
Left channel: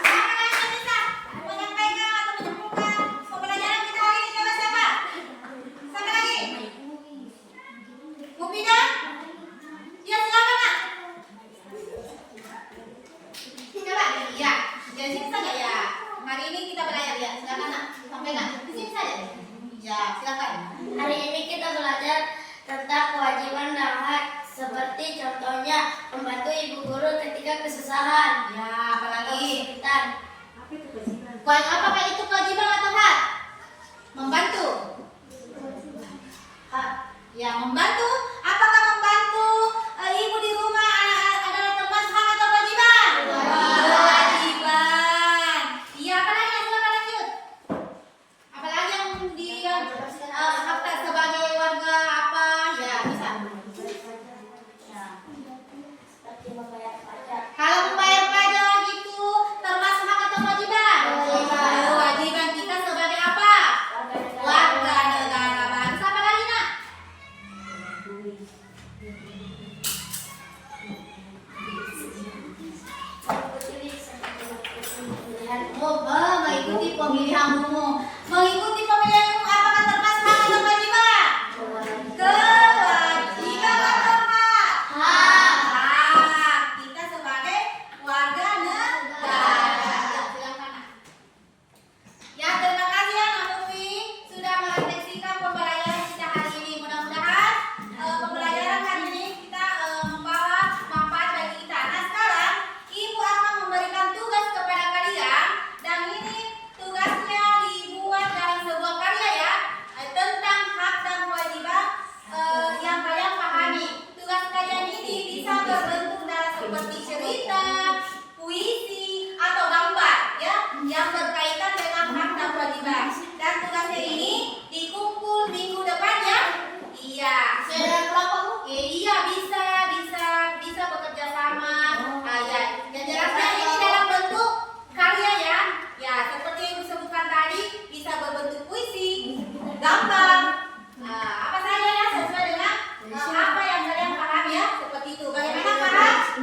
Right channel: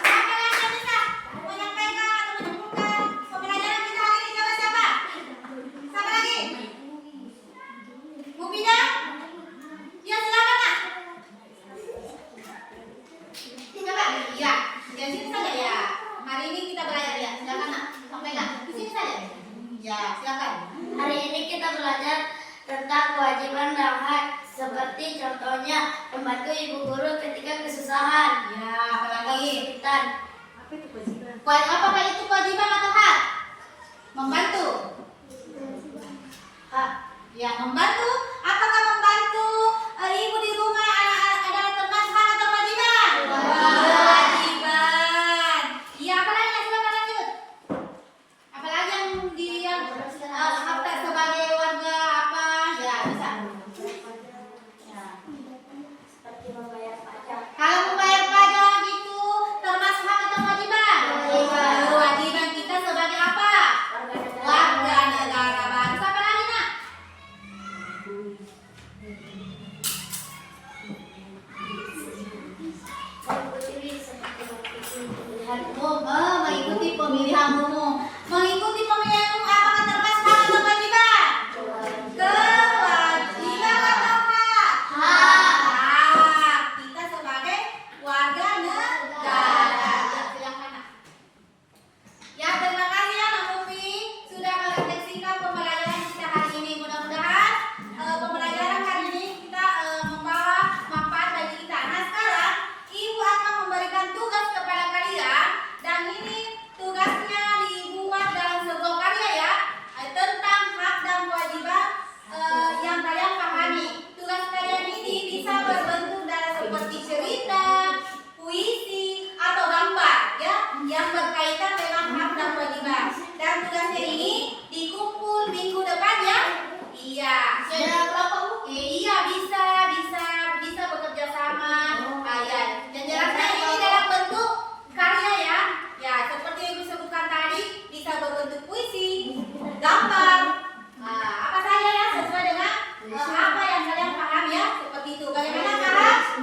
Siapa lagi yang bisa menyampaikan atau menyimpulkan pembelajaran kita hari ini? Coba siapa? Siapa lagi? Mufidah? Ya, silakan, Nak. Coba. Iya, dari sini saja ya. Hari ini kita belajar ya. Silakan, Nak. Sampaikan. Di sini saja. Ya, silakan. Hari ini kita belajar tentang kewajiban dan hak, seperti contohnya membantu ibu guru ketika kesusahan. Ya, apa lagi? Kesulitan. Apakah itu kewajiban atau hak? Membantu. Hak. Ya, membantu. Apakah membantu ibu di rumah adalah termasuk hak atau kewajiban? Kewajiban. Iya, apa lagi? Silakan lanjut. Apalagi yang dia apa sebagai warga apa? Ya, bisa. Ya. Seperti membayar pajak. Kalau membayar pajak itu termasuk hak atau kewajiban? Kewajiban. Kewajiban kita sebagai apa? Warga negara. Bagus. Apa lagi, Nak? Mengikuti seperti pemilihan umum. Mengikuti pemilihan umum. Mengikuti pemilihan umum apakah termasuk hak atau kewajiban? Kewajiban atau hak? Hak. Kita sebagai warga negara. Ya, silakan, Nak. Ya, terima kasih ya, Mbak Mufi sudah merefleksikan pembelajaran kita hari ini. Mudah-mudahan pembelajaran hari ini gambar. Nah, apa saja ya sesuai dengan apa yang kalian paham ya, seperti itu. Bagaimana paham?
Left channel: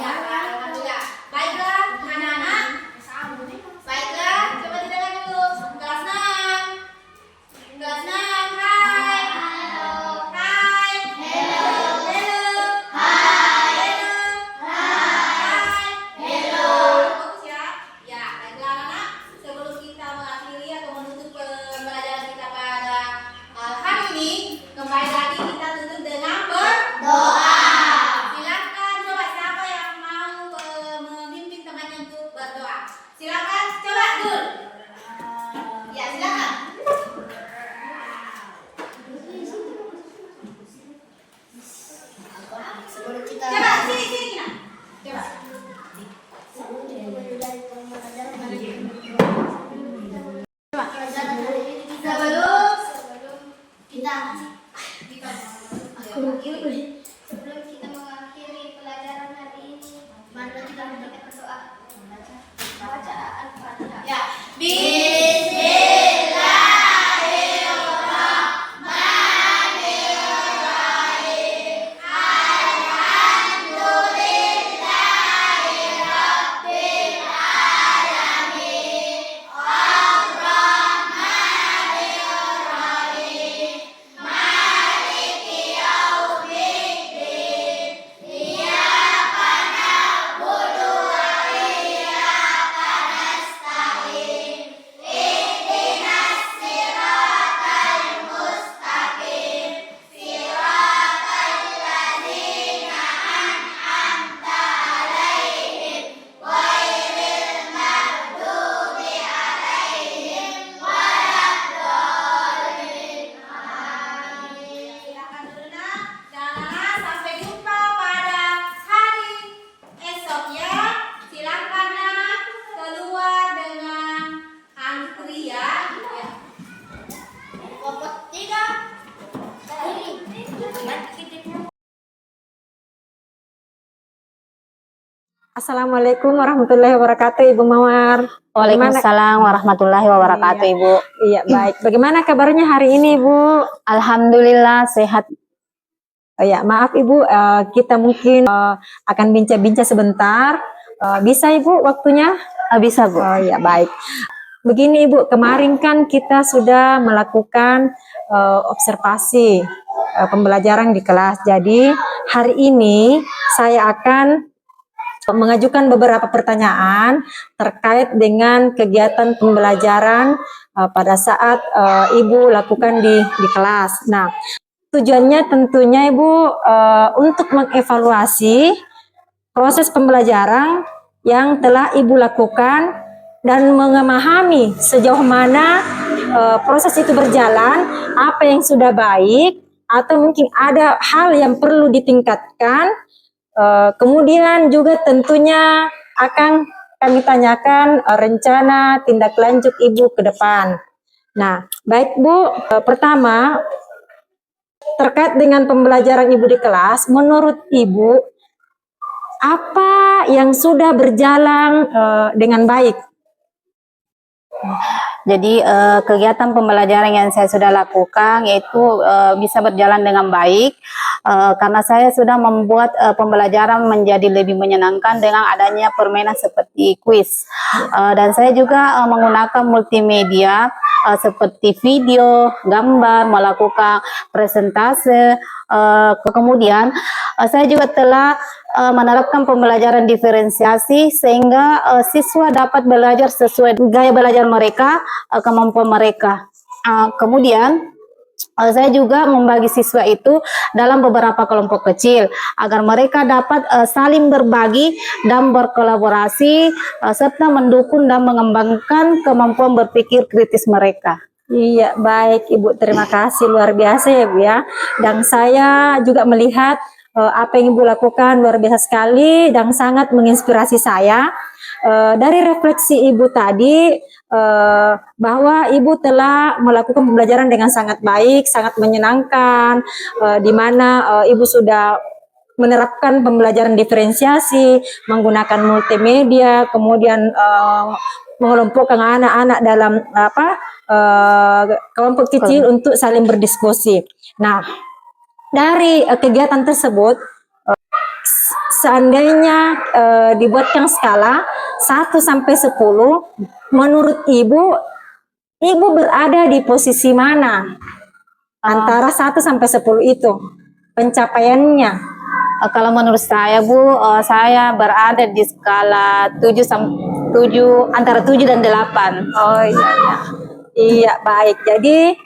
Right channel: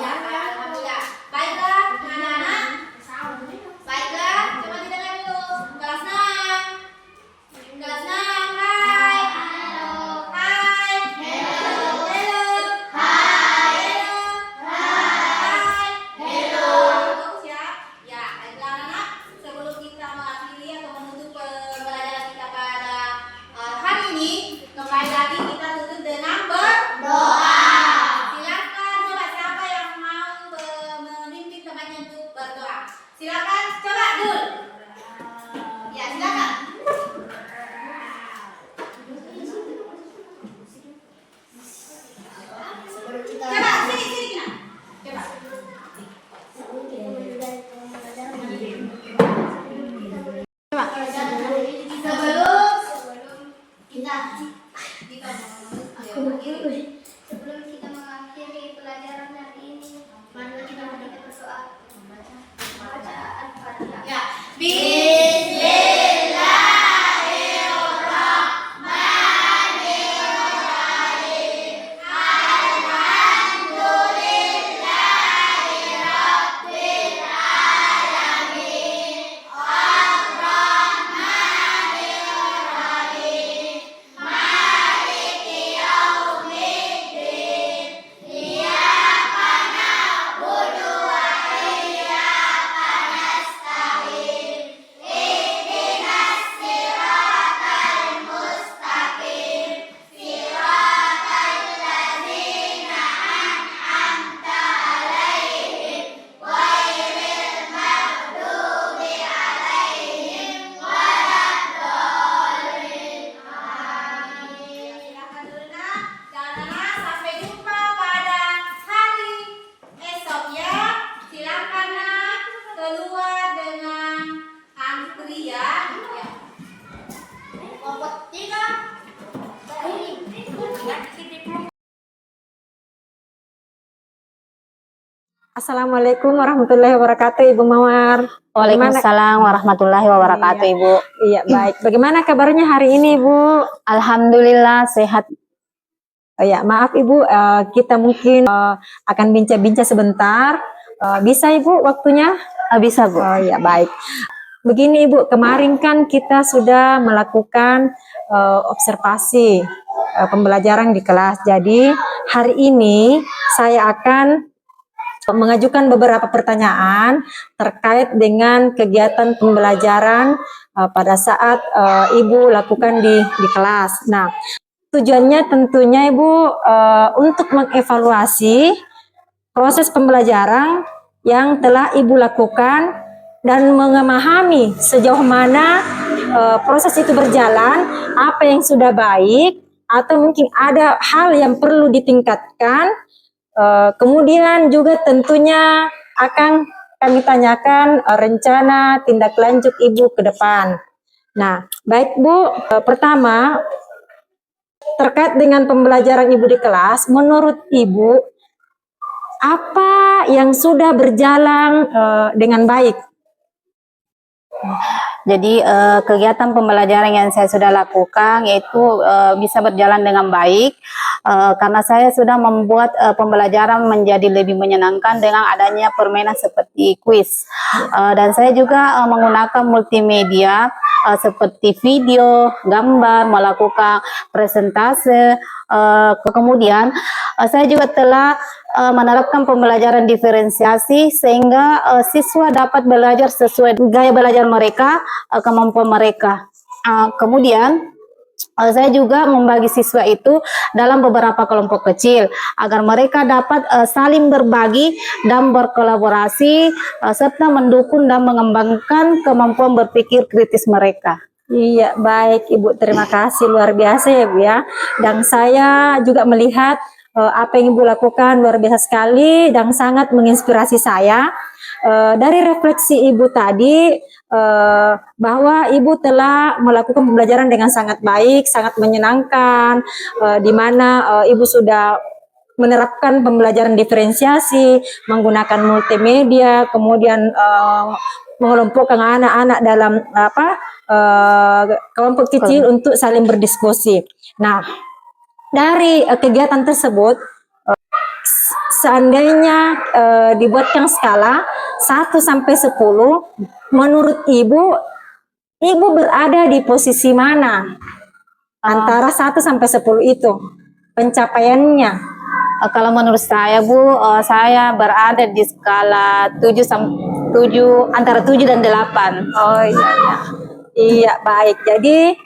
Iya, alhamdulillah. Baiklah, anak-anak. Baiklah, coba didengar dulu. Kelas 6. Kelas 6, hai. Halo. Hai. Hello. Hello. Hai. Hai. Hello. Bagus ya. Ya, baiklah anak-anak. Sebelum kita mengakhiri atau menutup pembelajaran kita pada hari ini, kembali lagi kita tutup dengan berdoa. Silakan coba siapa yang mau memimpin temannya untuk berdoa. Silakan coba Dul. Ya, silakan. Sebelum kita Coba sini Kina. Coba. sebelum kita mengakhiri pelajaran hari ini, marilah kita berdoa. Bacaan Fatihah. Ya. Silakan dulu nak. Dan anak sampai jumpa pada hari esok ya. Silakan nak keluar dengan antri ya. Ya. Kelompok 3. Assalamualaikum warahmatullahi wabarakatuh, Ibu Mawar. Waalaikumsalam warahmatullahi wabarakatuh, Ibu. Iya, baik. Bagaimana kabarnya hari ini, Ibu? Alhamdulillah sehat. Oh, ya, maaf Ibu, kita mungkin akan bincang-bincang sebentar. Bisa Ibu waktunya? Bisa, Bu. Oh ya, baik. Begini Ibu, kemarin kan kita sudah melakukan observasi pembelajaran di kelas. Jadi hari ini saya akan mengajukan beberapa pertanyaan terkait dengan kegiatan pembelajaran pada saat Ibu lakukan di kelas. Nah, tujuannya tentunya Ibu untuk mengevaluasi proses pembelajaran yang telah Ibu lakukan dan memahami sejauh mana proses itu berjalan, apa yang sudah baik, atau mungkin ada hal yang perlu ditingkatkan. Kemudian juga tentunya akan kami tanyakan rencana tindak lanjut Ibu ke depan. Nah, baik Bu, pertama terkait dengan pembelajaran Ibu di kelas, menurut Ibu apa yang sudah berjalan dengan baik? Jadi kegiatan pembelajaran yang saya sudah lakukan yaitu bisa berjalan dengan baik karena saya sudah membuat pembelajaran menjadi lebih menyenangkan dengan adanya permainan seperti kuis dan saya juga menggunakan multimedia seperti video, gambar, melakukan presentase. Kemudian saya juga telah menerapkan pembelajaran diferensiasi sehingga siswa dapat belajar sesuai gaya belajar mereka, kemampuan mereka. Kemudian saya juga membagi siswa itu dalam beberapa kelompok kecil agar mereka dapat saling berbagi dan berkolaborasi serta mendukung dan mengembangkan kemampuan berpikir kritis mereka. Iya, baik Ibu, terima kasih, luar biasa ya Bu ya. Dan saya juga melihat apa yang Ibu lakukan luar biasa sekali dan sangat menginspirasi saya. Dari refleksi Ibu tadi bahwa Ibu telah melakukan pembelajaran dengan sangat baik, sangat menyenangkan, di mana Ibu sudah menerapkan pembelajaran diferensiasi, menggunakan multimedia, kemudian mengelompokkan anak-anak dalam kelompok kecil untuk saling berdiskusi. Nah, dari kegiatan tersebut, seandainya dibuatkan skala 1 sampai 10, menurut Ibu berada di posisi mana? Antara 1 sampai 10 itu pencapaiannya. Kalau menurut saya Bu, saya berada di skala 7 antara 7 dan 8. Oh iya, iya. Iya, baik. Jadi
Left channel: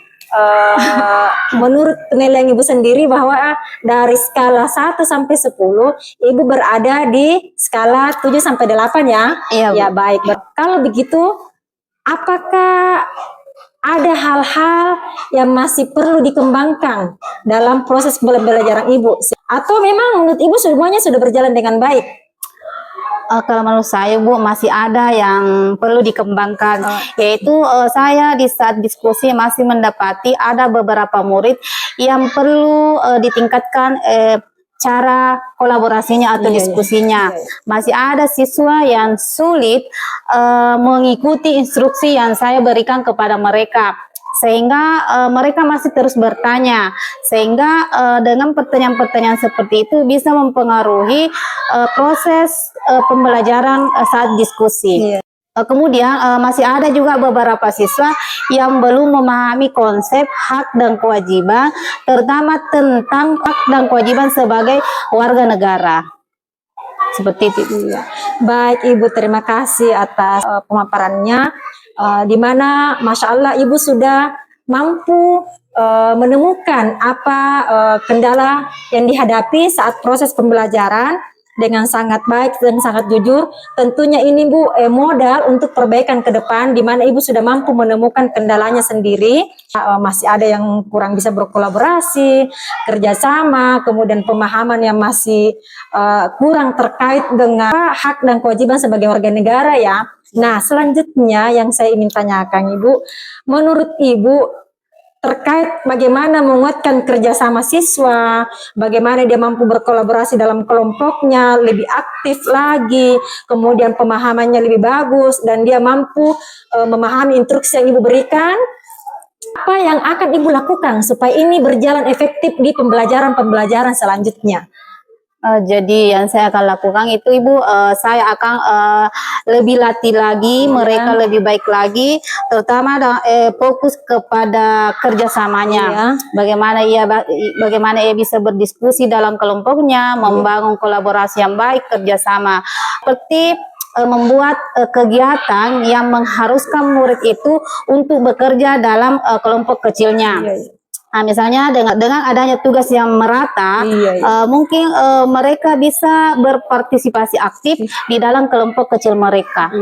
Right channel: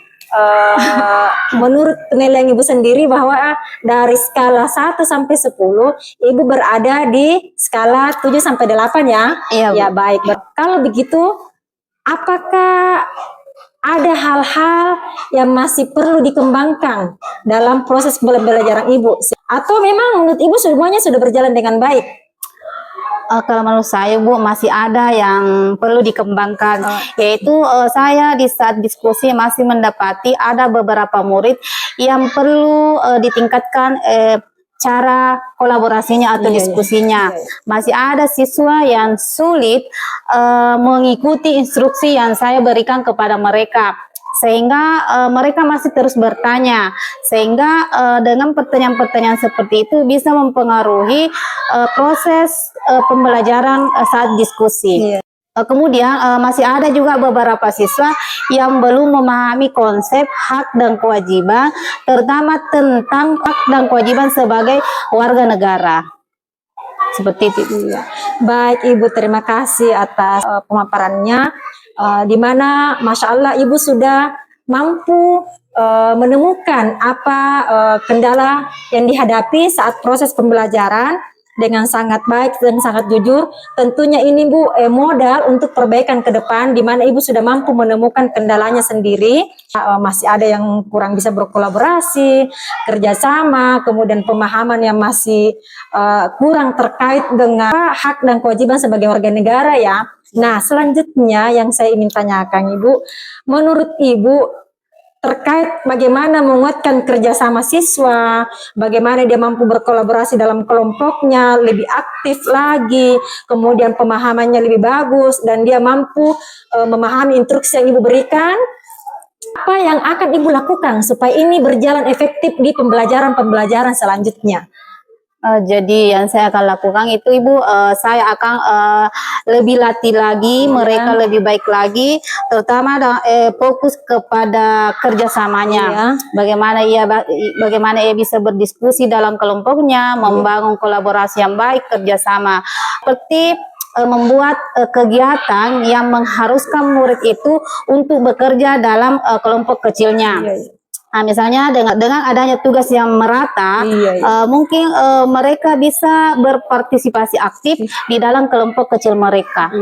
menurut penilaian Ibu sendiri bahwa dari skala 1 sampai 10, Ibu berada di skala 7 sampai 8 ya? Iya, Bu. Ya, baik. Kalau begitu, apakah ada hal-hal yang masih perlu dikembangkan dalam proses pembelajaran Ibu? Atau memang menurut Ibu semuanya sudah berjalan dengan baik? Kalau menurut saya Bu, masih ada yang perlu dikembangkan, yaitu saya di saat diskusi masih mendapati ada beberapa murid yang perlu ditingkatkan cara kolaborasinya atau diskusinya. Masih ada siswa yang sulit mengikuti instruksi yang saya berikan kepada mereka, sehingga mereka masih terus bertanya, sehingga dengan pertanyaan-pertanyaan seperti itu bisa mempengaruhi proses pembelajaran saat diskusi. Kemudian masih ada juga beberapa siswa yang belum memahami konsep hak dan kewajiban, terutama tentang hak dan kewajiban sebagai warga negara. Seperti itu. Baik Ibu, terima kasih atas pemaparannya, di mana Masya Allah Ibu sudah mampu menemukan apa kendala yang dihadapi saat proses pembelajaran dengan sangat baik dan sangat jujur. Tentunya ini Bu modal untuk perbaikan ke depan, di mana Ibu sudah mampu menemukan kendalanya sendiri. Masih ada yang kurang bisa berkolaborasi, kerjasama, kemudian pemahaman yang masih kurang terkait dengan hak dan kewajiban sebagai warga negara ya. Nah, selanjutnya yang saya ingin tanyakan Ibu, menurut Ibu terkait bagaimana menguatkan kerjasama siswa, bagaimana dia mampu berkolaborasi dalam kelompoknya lebih aktif lagi, kemudian pemahamannya lebih bagus, dan dia mampu memahami instruksi yang Ibu berikan. Apa yang akan Ibu lakukan supaya ini berjalan efektif di pembelajaran selanjutnya? Jadi yang saya akan lakukan itu Ibu, saya akan lebih latih lagi, mereka lebih baik lagi, terutama fokus kepada kerjasamanya. Bagaimana ia bisa berdiskusi dalam kelompoknya, membangun kolaborasi yang baik, kerjasama. Seperti membuat kegiatan yang mengharuskan murid itu untuk bekerja dalam kelompok kecilnya. Nah, misalnya dengan adanya tugas yang merata, mungkin mereka bisa berpartisipasi aktif di dalam kelompok kecil mereka.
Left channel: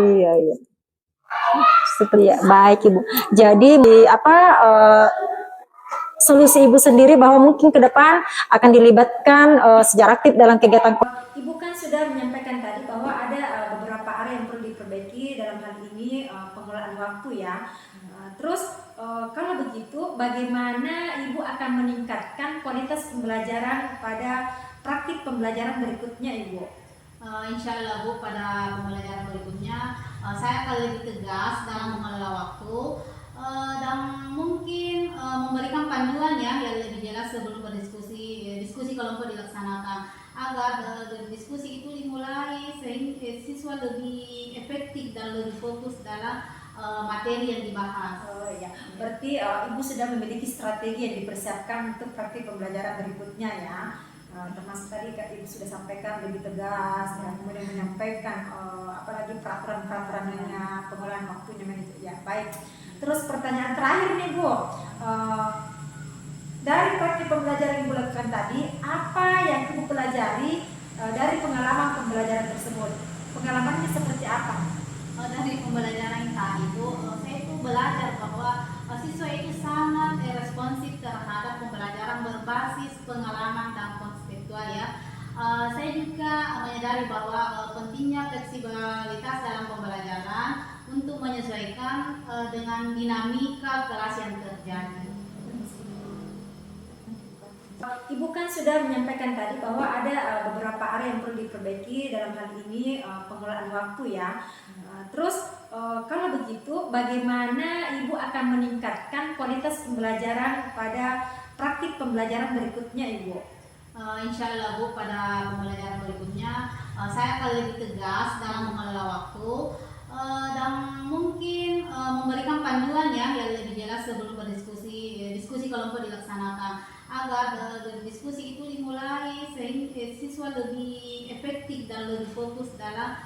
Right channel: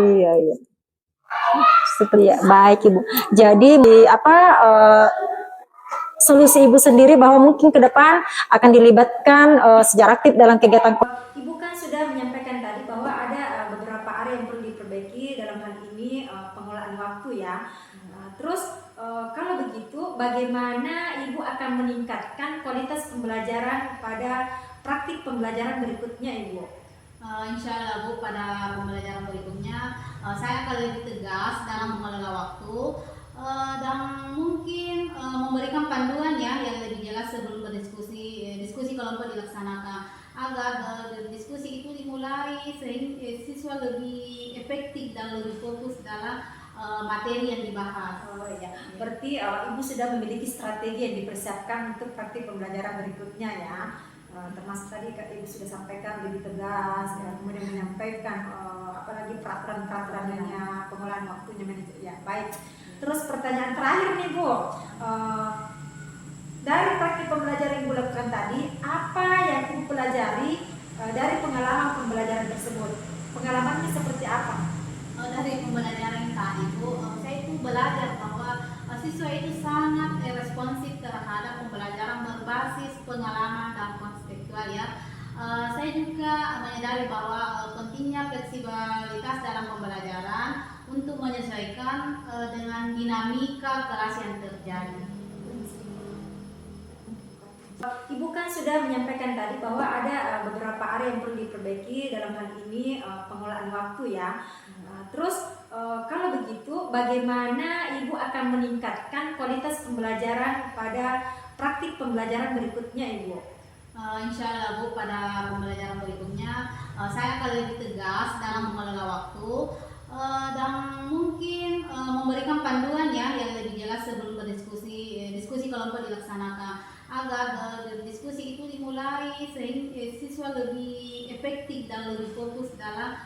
Seperti baik Ibu. Jadi solusi Ibu sendiri bahwa mungkin ke depan akan dilibatkan secara aktif dalam kegiatan. Ibu kan sudah menyampaikan tadi bahwa ada beberapa area yang perlu diperbaiki dalam hal ini pengelolaan waktu ya. Terus kalau begitu bagaimana Ibu akan meningkatkan kualitas pembelajaran pada praktik pembelajaran berikutnya Ibu? Insya Allah Bu, pada pembelajaran berikutnya saya akan lebih tegas dalam mengelola waktu dan mungkin memberikan panduan ya yang lebih jelas sebelum diskusi kelompok dilaksanakan, agar diskusi itu dimulai sehingga siswa lebih efektif dan lebih fokus dalam materi yang dibahas. Berarti Ibu sudah memiliki strategi yang dipersiapkan untuk praktik pembelajaran berikutnya ya. Termasuk tadi Ibu sudah sampaikan lebih tegas ya, kemudian menyampaikan apalagi peraturan-peraturannya, pengelolaan waktunya, ya baik. Terus pertanyaan terakhir nih Bu, dari praktik pembelajaran yang Ibu lakukan tadi, apa yang Ibu pelajari dari pengalaman pembelajaran tersebut? Pengalamannya seperti apa? Dari pembelajaran tadi itu, saya itu belajar bahwa siswa itu sangat responsif terhadap pembelajaran berbasis pengalaman dan konseptual ya. Saya juga menyadari bahwa pentingnya fleksibilitas dalam pembelajaran untuk menyesuaikan dengan dinamika kelas yang terjadi. Ibu kan sudah menyampaikan tadi bahwa ada beberapa area yang perlu diperbaiki dalam hal ini pengelolaan waktu ya. Kalau begitu, bagaimana Ibu akan meningkatkan kualitas pembelajaran pada praktik pembelajaran berikutnya, Ibu? Insya Allah Bu, pada pembelajaran berikutnya saya akan lebih tegas dalam mengelola waktu dan mungkin memberikan panduan ya yang lebih jelas sebelum diskusi kelompok dilaksanakan, agar diskusi itu dimulai sehingga siswa lebih efektif dan lebih fokus dalam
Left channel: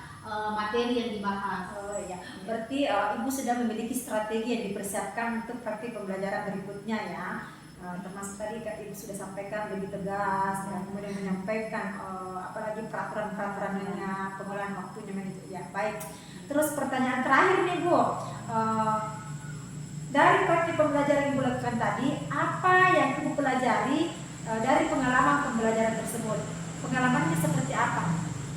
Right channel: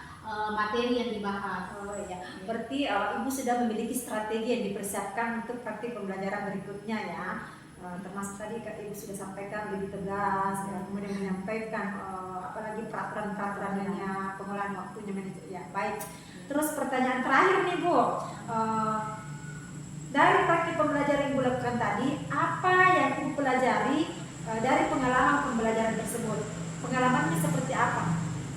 materi yang dibahas. Oh ya, berarti Ibu sudah memiliki strategi yang dipersiapkan untuk praktik pembelajaran berikutnya ya. Termasuk tadi Ibu sudah sampaikan lebih tegas ya, kemudian menyampaikan apalagi peraturan-peraturannya, pengelolaan waktunya ya. Baik. Terus pertanyaan terakhir nih Bu, dari praktik pembelajaran yang Ibu lakukan tadi, apa yang Ibu pelajari dari pengalaman pembelajaran tersebut? Pengalamannya seperti apa?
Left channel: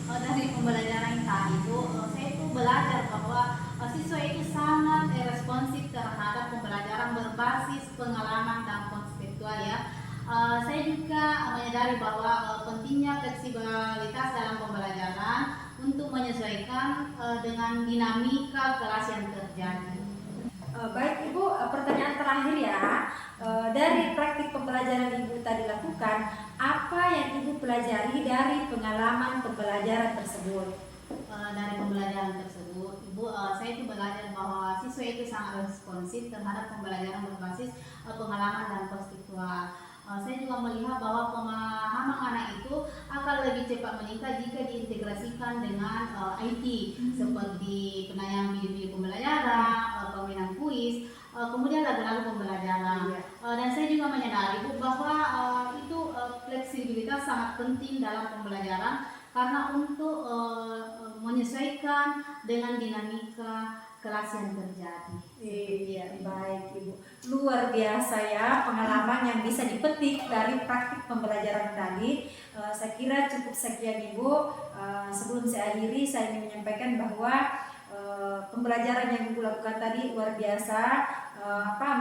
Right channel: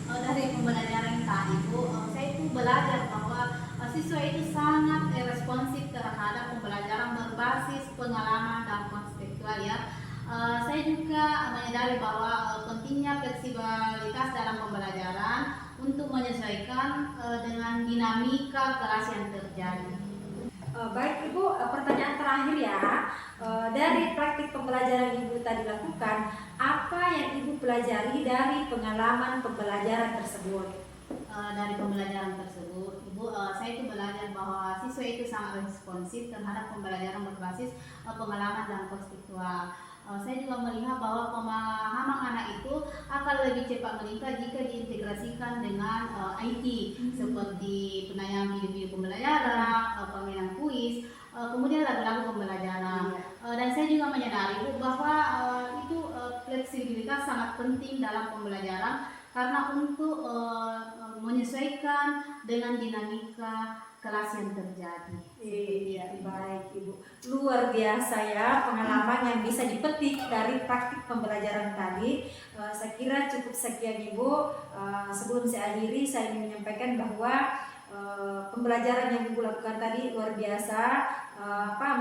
Dari pembelajaran tadi Bu, saya itu belajar bahwa siswa itu sangat responsif terhadap pembelajaran berbasis pengalaman dan konseptual ya. Saya juga menyadari bahwa pentingnya fleksibilitas dalam pembelajaran untuk menyesuaikan dengan dinamika kelas yang terjadi. Baik Ibu, pertanyaan terakhir ya. Dari praktik pembelajaran Ibu tadi lakukan, apa yang Ibu pelajari dari pengalaman pembelajaran tersebut? Dari pembelajaran tersebut, Ibu, saya itu belajar bahwa siswa itu sangat responsif terhadap pembelajaran berbasis pengalaman dan konseptual. Saya juga melihat bahwa pemahaman anak itu akan lebih cepat meningkat jika diintegrasikan dengan IT seperti penayangan video pembelajaran, permainan kuis, kemudian lagu-lagu pembelajaran. Dan saya juga menyadari Bu, bahwa fleksibilitas sangat penting dalam pembelajaran karena untuk menyesuaikan dengan dinamika kelas yang terjadi. Iya, baik Ibu. Luar biasa ya pengalaman yang bisa dipetik dari praktik pembelajaran tadi. Saya kira cukup sekian Ibu. Sebelum saya akhiri, saya ingin menyampaikan bahwa pembelajaran yang Ibu lakukan tadi luar biasa.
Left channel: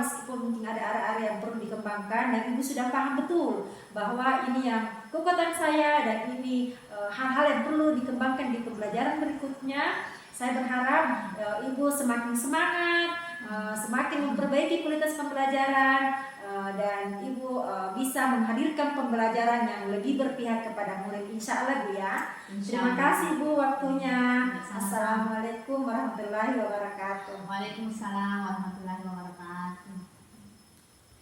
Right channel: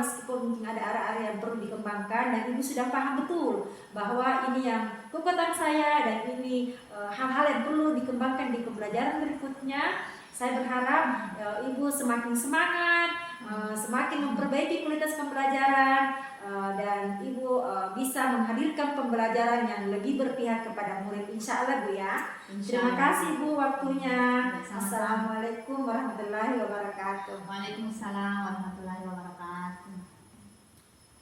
Meskipun mungkin ada area-area yang perlu dikembangkan dan Ibu sudah paham betul bahwa ini yang kekuatan saya dan ini hal-hal yang perlu dikembangkan di pembelajaran berikutnya. Saya berharap Ibu semakin semangat, semakin memperbaiki kualitas pembelajaran, dan Ibu bisa menghadirkan pembelajaran yang lebih berpihak kepada murid. Insya Allah Bu ya. Terima kasih Bu waktunya. Assalamualaikum warahmatullahi wabarakatuh. Waalaikumsalam warahmatullahi wabarakatuh.